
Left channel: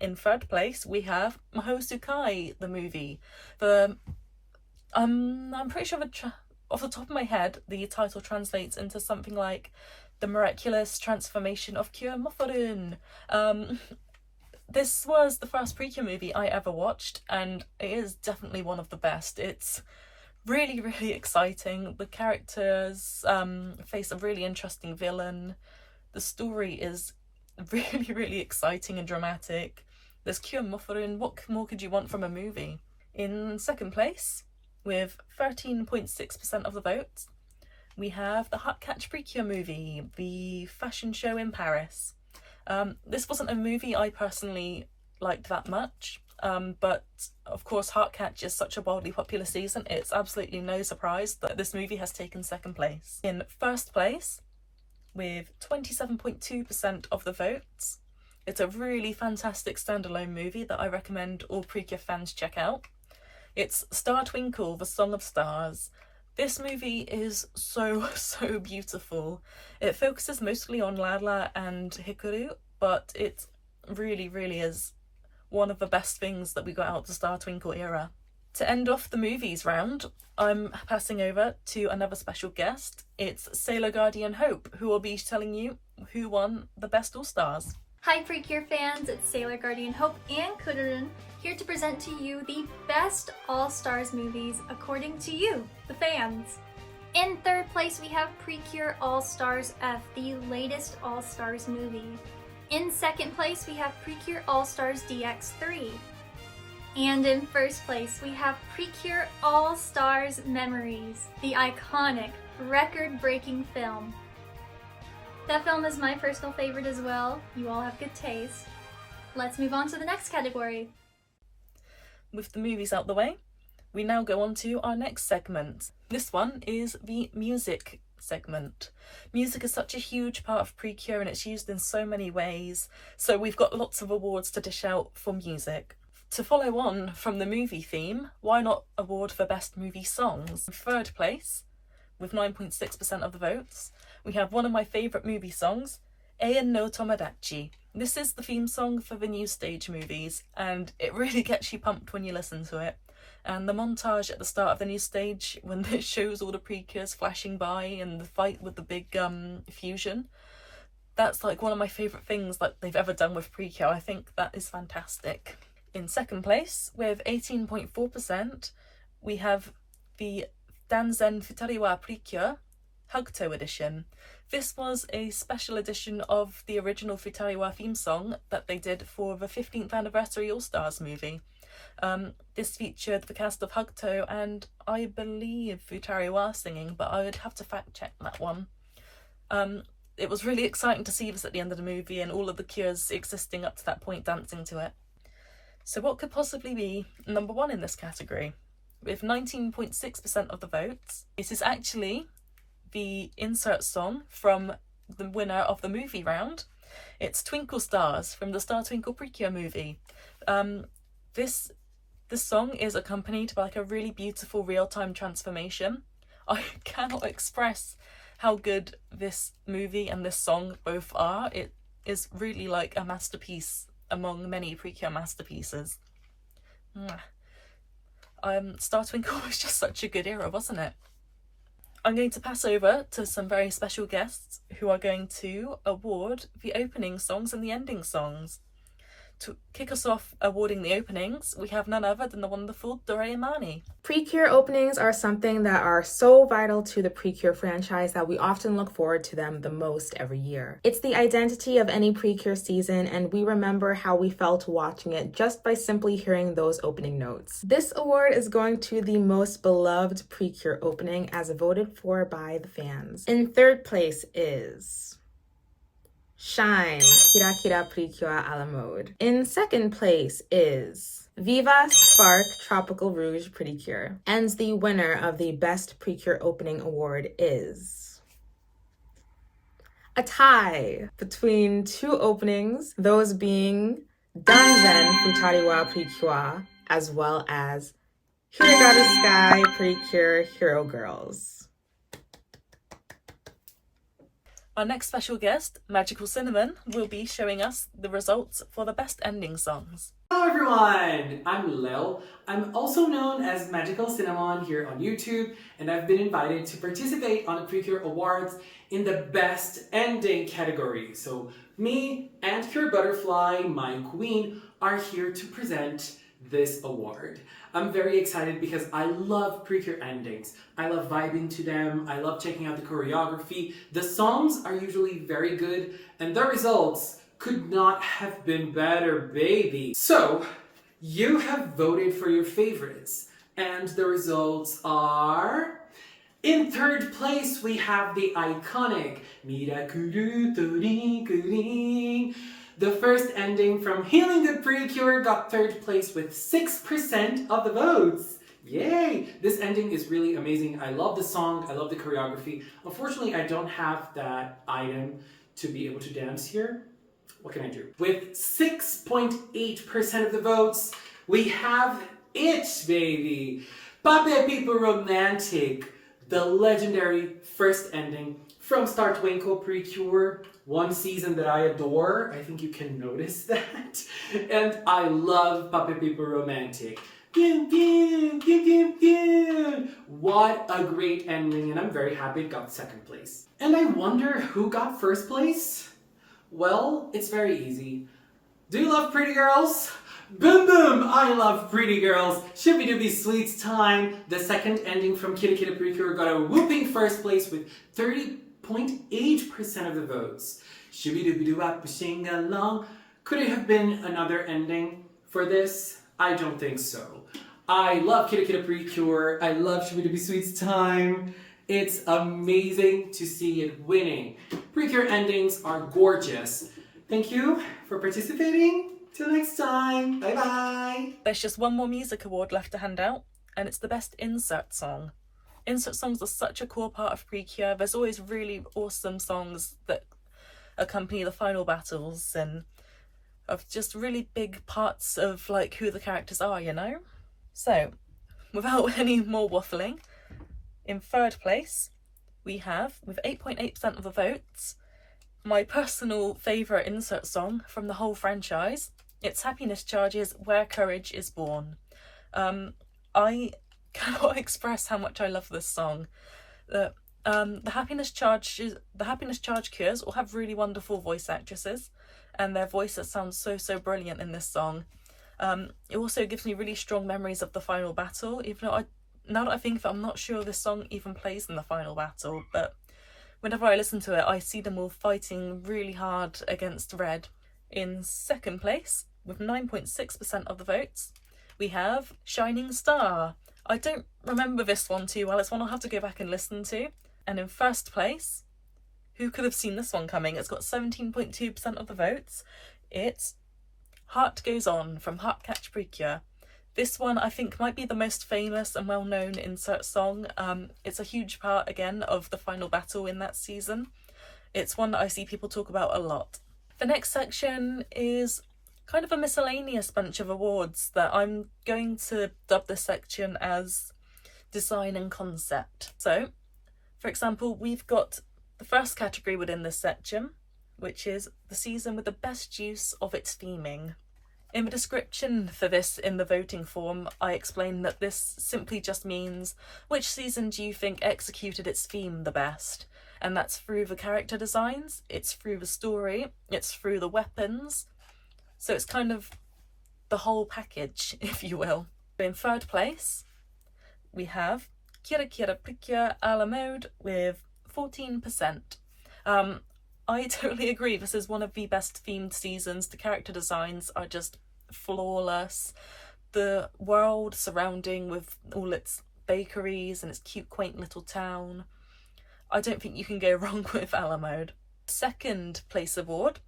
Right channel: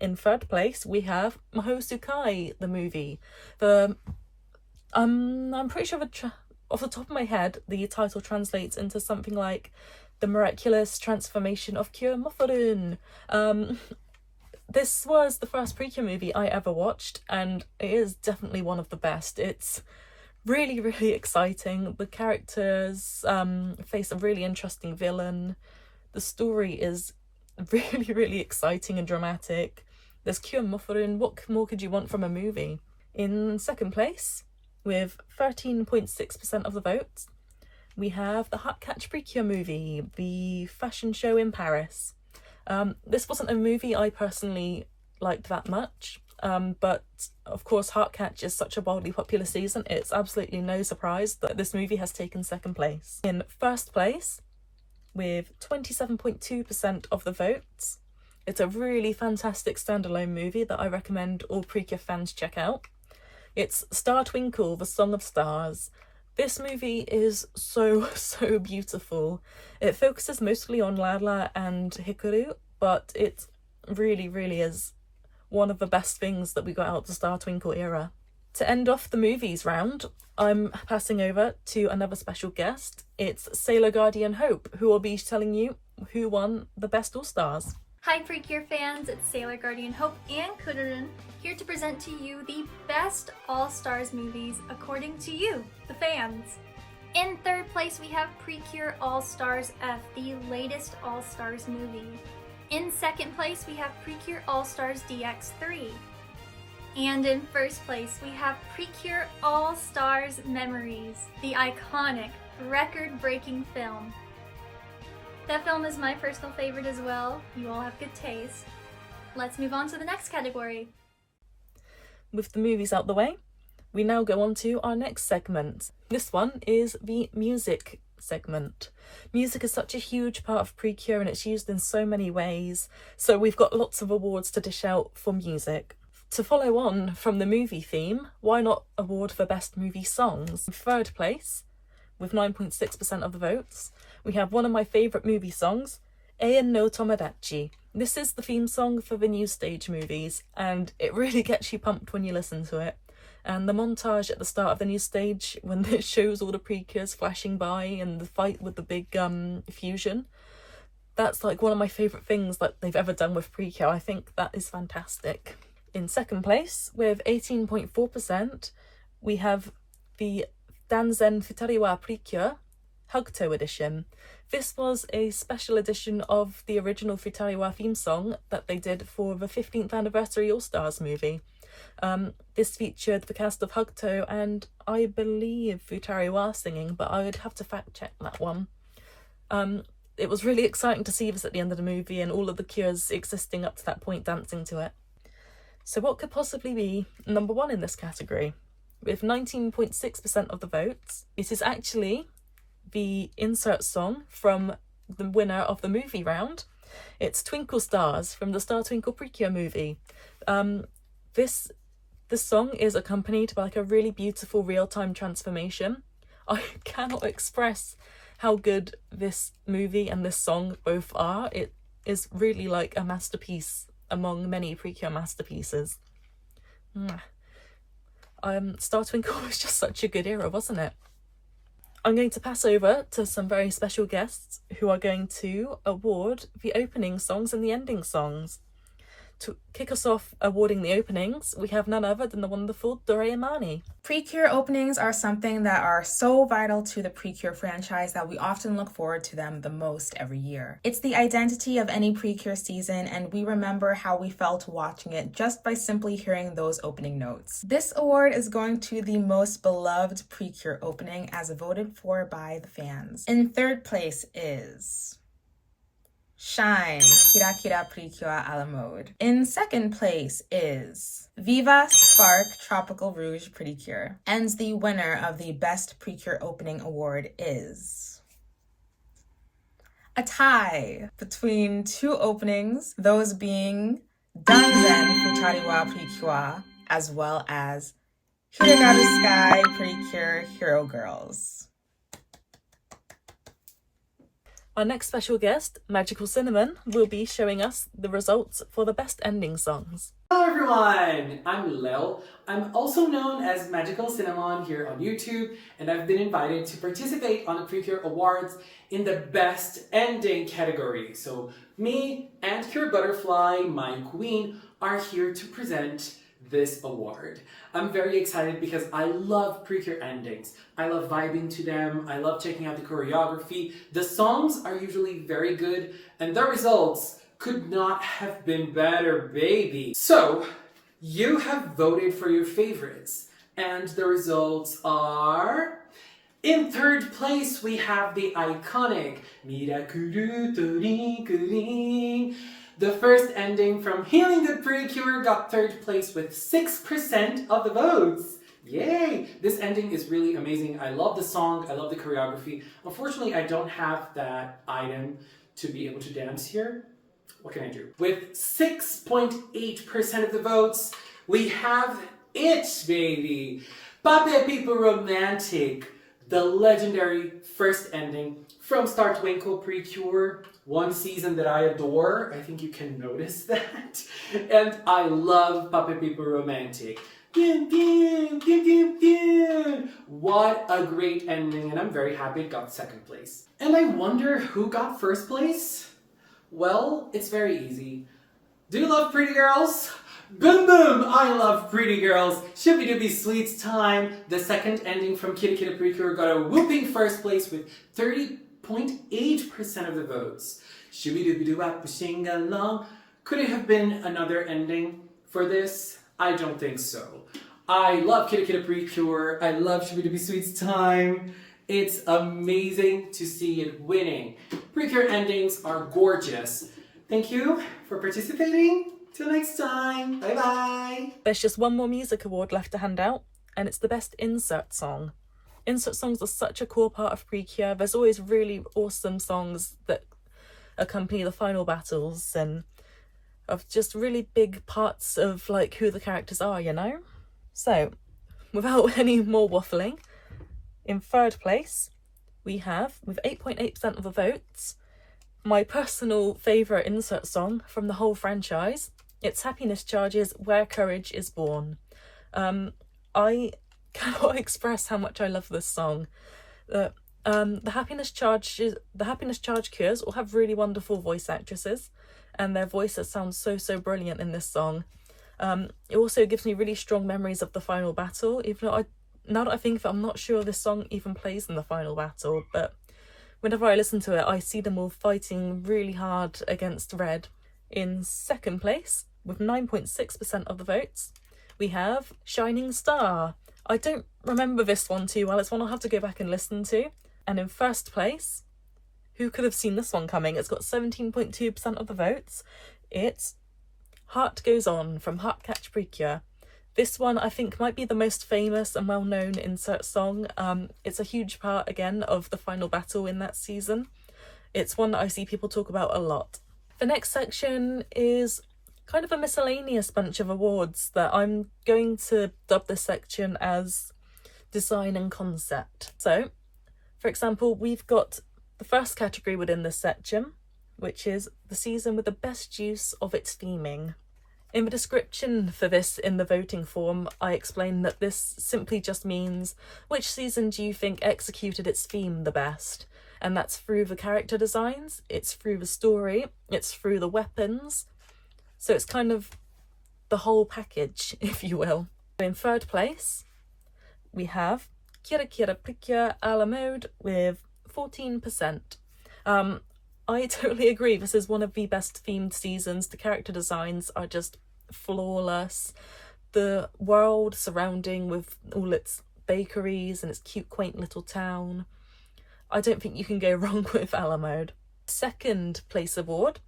in third place we have Mahosukai, the movie. I'm pretty sure off the top of my head the title translates into something like The Miraculous Transformation of Cure Mofurun. This was the first Precure movie I ever watched, and it is definitely one of the best. It's really, really exciting. The characters face a really interesting villain. The story is really, really exciting and dramatic. There's Cure Mofurun. What more could you want from a movie? In second place, with 13.6% of the votes, we have the Heartcatch Precure movie, the fashion show in Paris. This wasn't a movie I personally liked that much, but of course Heartcatch is such a wildly popular season, it's absolutely no surprise that this movie has taken second place. In first place, with 27.2% of the votes, it's a really fantastic standalone movie that I recommend all Precure fans check out. It's Star Twinkle, The Song of Stars. This movie is so beautiful. It focuses mostly on Lala and Hikaru, but it really, really is one of the best things that we got out of the Star Twinkle era. To end off the movies round, I'm passing over to another special guest. It's Sailor Guardian Hope, who will be telling you who won the Best All-Stars. Hi Precure fans, it's Sailor Guardian Hope and Kudurun here to present to you the best All-Stars movies according to you, the fans. In third place we have Precure All-Stars F, the latest All-Stars movie. In second place we have Precure All-Stars DX3. And in first place we have Precure All-Stars Memories, the iconic, record-breaking film. That film is my personal favorite as well. You all have good taste. Let's move on to the next category. With the movies out the way, we now go on to our next segment. This one is the music segment. Music is such a huge part of Precure and it's used in so many ways, so we've got lots of awards to dish out for music. To follow on from the movie theme, why not award for Best Movie Songs? In third place, with 9.6% of the votes, we have one of my favourite movie songs, Eian no Tomodachi. This is the theme song for the New Stage movies, and it really gets you pumped when you listen to it. And the montage at the start of the New Stage, when it shows all the Precures flashing by and the fight with the big fusion, that's like one of my favourite things that they've ever done with Precure. I think that is fantastic. In second place, with 18.4%, we have the Danzen Futariwa Precure Hugto edition. This was a special edition of the original Futariwa theme song that they did for the 15th anniversary All-Stars movie. This featured the cast of Hugto and I believe Futariwa singing, but I would have to fact check that one. It was really exciting to see this at the end of the movie and all of the Cures existing up to that point dancing to it. So what could possibly be number one in this category? With 19.6% of the votes, it is actually the insert song from the winner of the movie round. It's Twinkle Stars from the Star Twinkle Precure movie. This song is accompanied by like a really beautiful real-time transformation. I cannot express how good this movie and this song both are. It is really like a masterpiece among many Precure masterpieces. Star Twinkle was just such a good era, wasn't it? I'm going to pass over to some very special guests who are going to award the opening songs and the ending songs. To kick us off awarding the openings, we have none other than the wonderful Doraemani. Precure openings are something that are so vital to the Precure franchise that we often look forward to them the most every year. It's the identity of any Precure season, and we remember how we felt watching it just by simply hearing those opening notes. This award is going to the most beloved Precure opening as voted for by the fans. In third place is Shine, Kira Kira Precure a la mode. In second place is Viva Spark Tropical Rouge Precure. And the winner of the Best Precure Opening Award is a tie between two openings, those being Danzen Futariwa Precure, as well as Hiregaru Sky Precure Hero Girls. Our next special guest, Magical Cinnamon, will be showing us the results for the best ending songs. Hello everyone, I'm Lil. I'm also known as Magical Cinnamon here on YouTube, and I've been invited to participate on the Precure Awards in the Best Ending category. So me and Pure Butterfly, my queen, are here to present this award. I'm very excited because I love Precure endings. I love vibing to them. I love checking out the choreography. The songs are usually very good, and the results could not have been better, baby. So, you have voted for your favorites, and the results are... In third place, we have the iconic Mirakuru Tori Kuri. The first ending from Healing Good Precure got third place with 6% of the votes. Yay! This ending is really amazing. I love the song, I love the choreography. Unfortunately, I don't have that item to be able to dance here. What can I do? With 6.8% of the votes, we have it, baby! Pape People Romantic, the legendary first ending from Star Twinkle Precure, one season that I adore. I think you can notice that. And I love Pape People Romantic. What a great ending, and I'm very happy it got second place. And I wonder who got first place? Well, it's very easy. Do you love Pretty Girls? Boom boom! I love Pretty Girls. Shippy Dooby Sweets time. The second ending from Kitty Kitty Precure got a whooping first place with 30.8% of the votes. Shooby Dooby Doo Wap Sing Along. Could it have been another ending for this? I don't think so. I love Kitty Kitty Precure. I love Shooby Dooby Sweets time. It's amazing to see it winning. Precure endings are gorgeous. Thank you for participating. Till next time. Bye bye. There's just one more music award left to hand out, and it's the best insert song. Insert songs are such a core part of Precure. There's always really awesome songs that accompany the final battles and of just really big parts of like who the characters are, you know? So, without any more waffling, in third place, we have, with 8.8% of the votes, my personal favourite insert song from the whole franchise. It's Happiness Charge's Where Courage Is Born. I cannot express how much I love this song. The Happiness Charge cures all have really wonderful voice actresses, and their voices sound so brilliant in this song. It also gives me really strong memories of the final battle, even though now that I think of it, I'm not sure this song even plays in the final battle, but whenever I listen to it, I see them all fighting really hard against Red. In second place, with 9.6% of the votes, we have Shining Star. I don't remember this one too well. It's one I'll have to go back and listen to. And in first place, who could have seen this one coming? It's got 17.2% of the votes. It's Heart Goes On from Heartcatch Precure. This one I think might be the most famous and well-known insert song. It's a huge part, again, of the final battle in that season. It's one that I see people talk about a lot. The next section is kind of a miscellaneous bunch of awards that I'm going to dub this section as design and concept. So, for example, we've got the first category within this section, which is the season with the best use of its theming. In the description for this in the voting form, I explained that this simply just means which season do you think executed its theme the best? And that's through the character designs, it's through the story, it's through the weapons. So it's kind of the whole package, if you will. In third place, we have Precure a la mode with 14%. I totally agree, this is one of the best themed seasons. The character designs are just flawless. The world surrounding with all its bakeries and its cute, quaint little town. I don't think you can go wrong with a la mode. Second place award,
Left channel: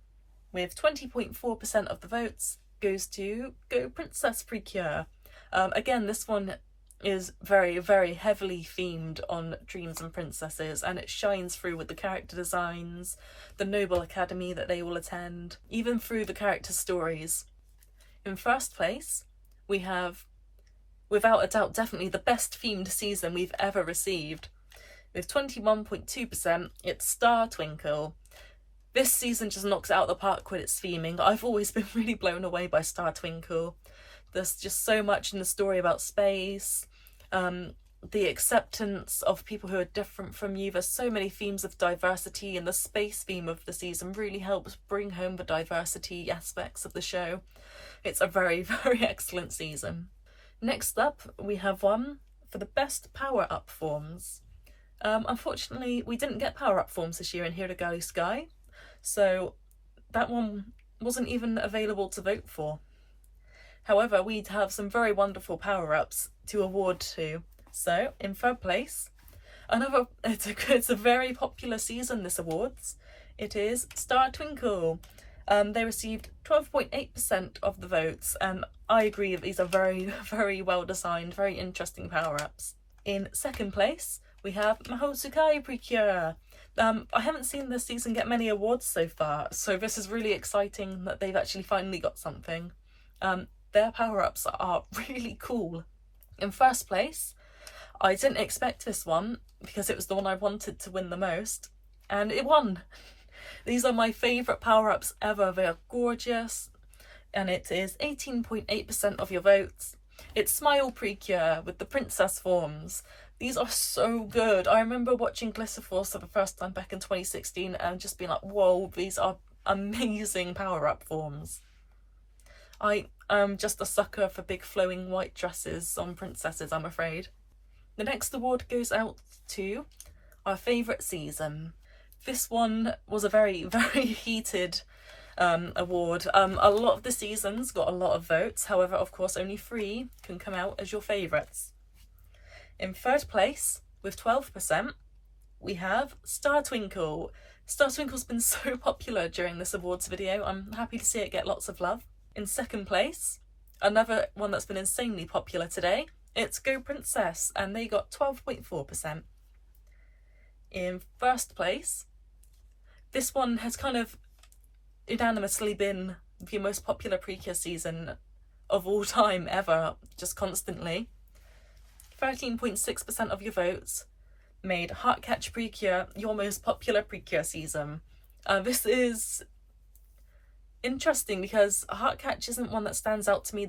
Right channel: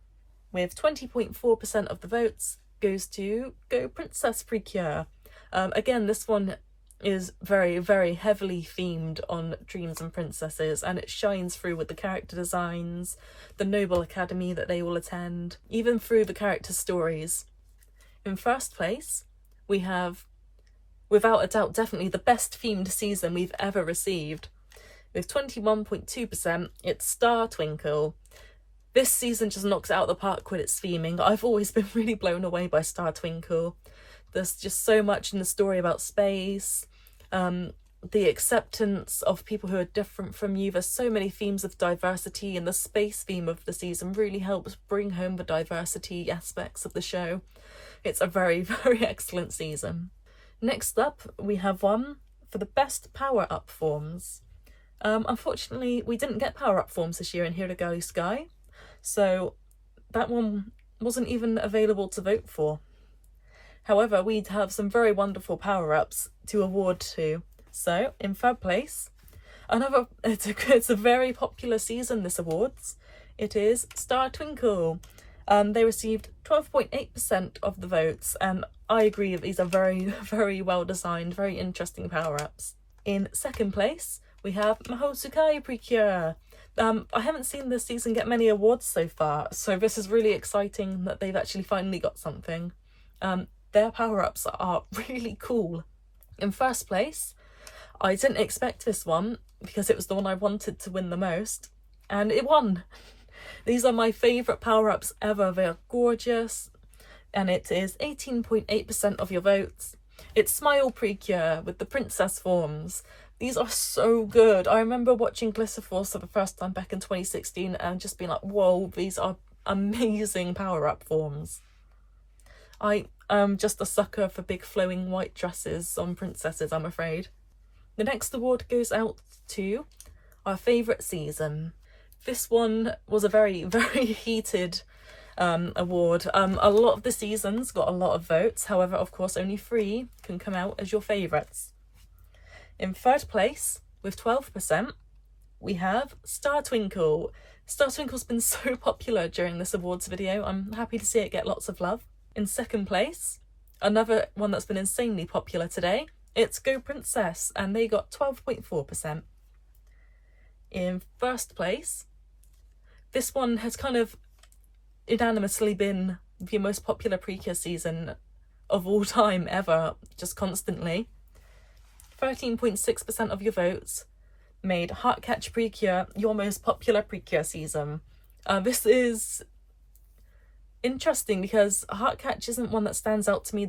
with 20.4% of the votes, goes to Go Princess Precure. Again, this one is very, very heavily themed on dreams and princesses, and it shines through with the character designs, the noble academy that they will attend, even through the character stories. In first place, we have, without a doubt, definitely the best themed season we've ever received. With 21.2%, it's Star Twinkle. This season just knocks it out of the park with its theming. I've always been really blown away by Star Twinkle. There's just so much in the story about space, the acceptance of people who are different from you. There's so many themes of diversity, and the space theme of the season really helps bring home the diversity aspects of the show. It's a very, very excellent season. Next up, we have one for the best power-up forms. Unfortunately, we didn't get power-up forms this year in Here to Go Sky, so that one wasn't even available to vote for. However, we have some very wonderful power-ups to award to. So, in third place, it's a very popular season, this awards. It is Star Twinkle. They received 12.8% of the votes, and I agree that these are very, very well designed, very interesting power-ups. In second place, we have Mahosukai Precure. I haven't seen this season get many awards so far, so this is really exciting that they've actually finally got something. Their power-ups are really cool. In first place, I didn't expect this one because it was the one I wanted to win the most, and it won. These are my favourite power-ups ever. They are gorgeous, and it is 18.8% of your votes. It's Smile Precure with the princess forms. These are so good. I remember watching Glitter Force for the first time back in 2016 and just being like, whoa, these are amazing power-up forms. I am just a sucker for big flowing white dresses on princesses, I'm afraid. The next award goes out to our favourite season. This one was a very, very heated award. A lot of the seasons got a lot of votes. However, of course, only 3 can come out as your favourites. In third place, with 12%, we have Star Twinkle. Star Twinkle's been so popular during this awards video. I'm happy to see it get lots of love. In second place, another one that's been insanely popular today, it's Go Princess, and they got 12.4%. In first place, this one has kind of unanimously been the most popular Precure season of all time ever, just constantly. 13.6% of your votes made Heartcatch Precure your most popular Precure season. This is interesting because Heartcatch isn't one that stands out to me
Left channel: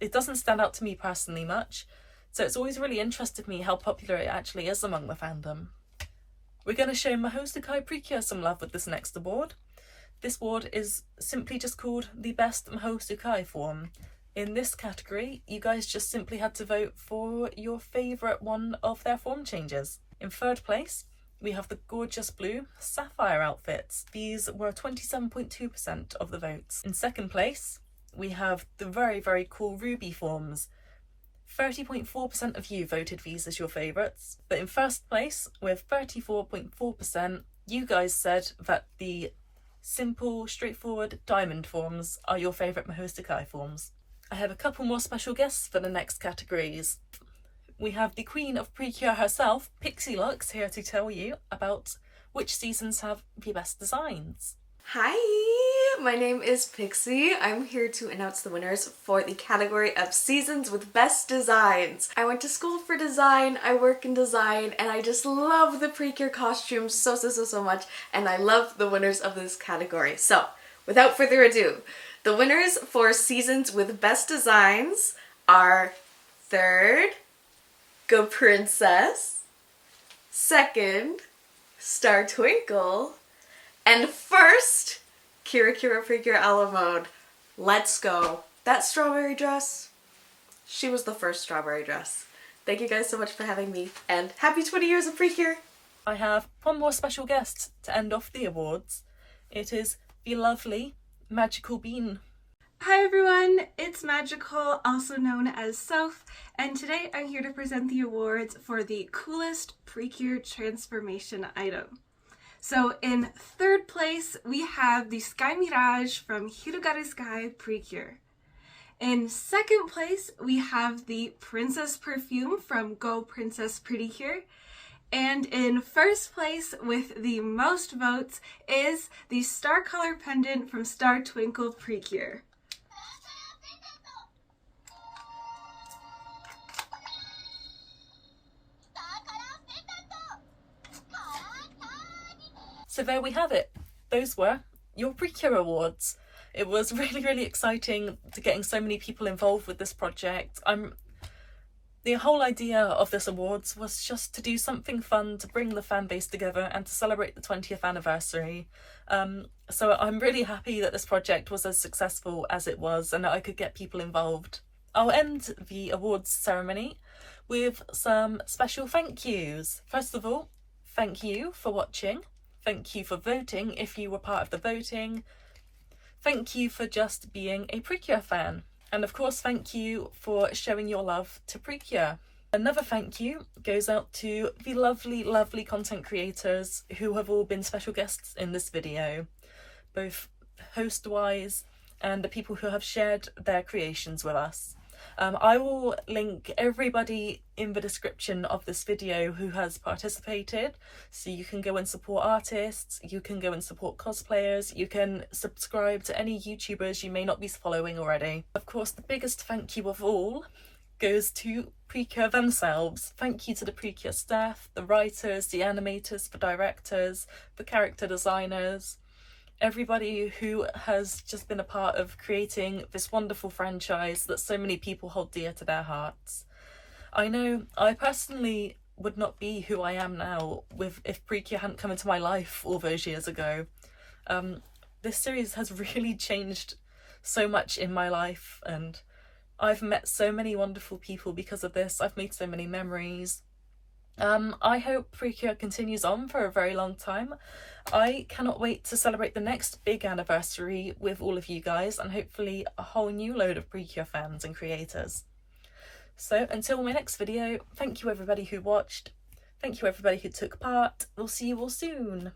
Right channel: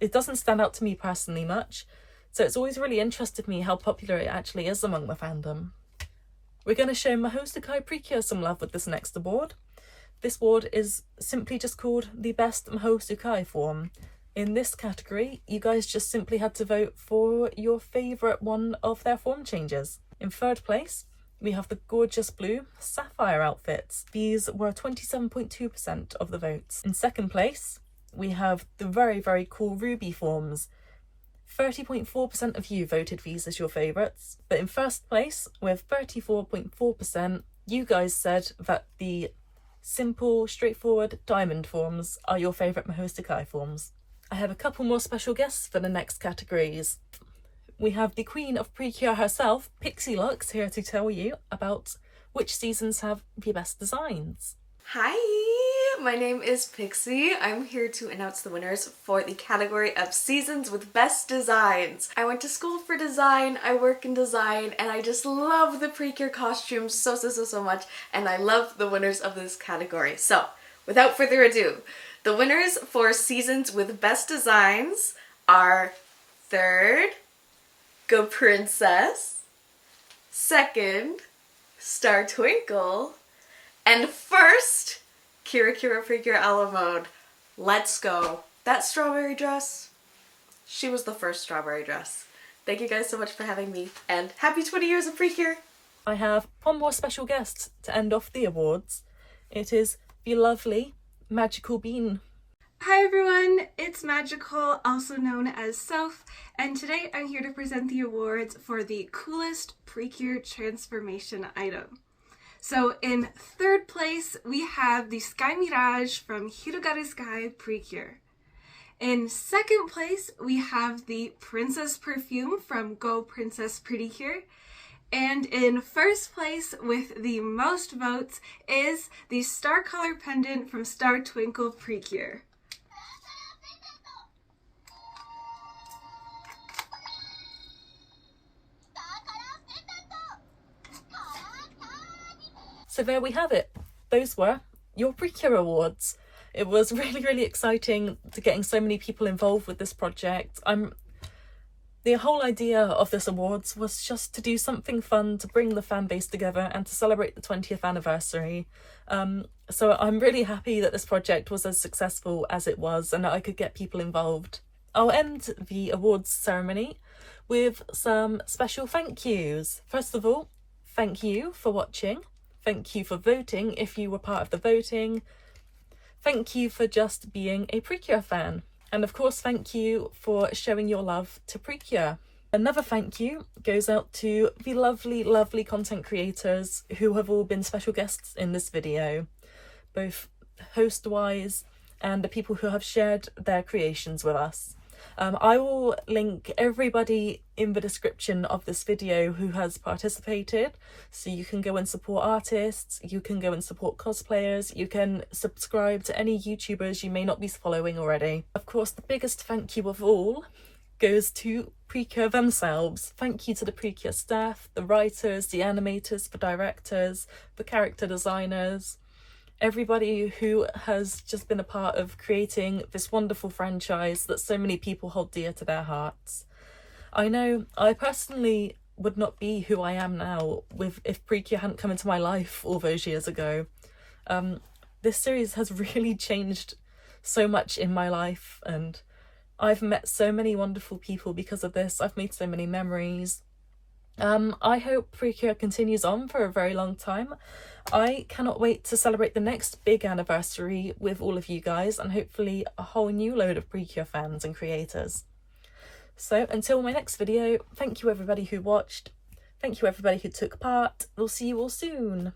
it doesn't stand out to me personally much, so it's always really interested me how popular it actually is among the fandom. We're going to show Mahosukai Precure some love with this next award. This award is simply just called the Best Mahosukai Form. In this category, you guys just simply had to vote for your favourite one of their form changes. In third place, we have the gorgeous blue sapphire outfits. These were 27.2% of the votes. In second place, we have the very, very cool ruby forms. 30.4% of you voted these as your favourites. But in first place, with 34.4%, you guys said that the simple, straightforward diamond forms are your favourite Mahosukai forms. I have a couple more special guests for the next categories. We have the Queen of Precure herself, Pixie Lux, here to tell you about which seasons have the best designs. Hi, my name is Pixie. I'm here to announce the winners for the category of seasons with best designs. I went to school for design, I work in design, and I just love the Precure costumes so much, and I love the winners of this category. So, without further ado, the winners for seasons with best designs are third, Go Princess, second, Star Twinkle, and first, Kira Precure a la Mode. Let's go. That strawberry dress, she was the first strawberry dress. Thank you guys so much for having me, and happy 20 years of Precure! I have one more special guest to end off the awards. It is the lovely Magical Bean. Hi everyone, it's Magical, also known as South, and today I'm here to present the awards for the coolest Precure transformation item. So in third place, we have the Sky Mirage from Hirugaru Sky Precure. In second place, we have the Princess Perfume from Go Princess Precure. And in first place, with the most votes, is the Star Color Pendant from Star Twinkle Precure. So there we have it. Those were your Precure Awards. It was really exciting to getting so many people involved with this project. The whole idea of this awards was just to do something fun to bring the fan base together and to celebrate the 20th anniversary. So I'm really happy that this project was as successful as it was and that I could get people involved. I'll end the awards ceremony with some special thank yous. First of all, thank you for watching. Thank you for voting if you were part of the voting. Thank you for just being a Precure fan. And of course, thank you for showing your love to Precure. Another thank you goes out to the lovely content creators who have all been special guests in this video, both host-wise and the people who have shared their creations with us. I will link everybody in the description of this video who has participated, so you can go and support artists, you can go and support cosplayers, you can subscribe to any YouTubers you may not be following already. Of course, the biggest thank you of all goes to Precure themselves. Thank you to the Precure staff, the writers, the animators, the directors, the character designers, everybody who has just been a part of creating this wonderful franchise that so many people hold dear to their hearts. I know I personally would not be who I am now if Precure hadn't come into my life all those years ago. This series has really changed so much in my life, and I've met so many wonderful people because of this. I've made so many memories. I hope Precure continues on for a very long time. I cannot wait to celebrate the next big anniversary with all of you guys and hopefully a whole new load of Precure fans and creators. So until my next video, thank you everybody who watched, thank you everybody who took part, we'll see you all soon.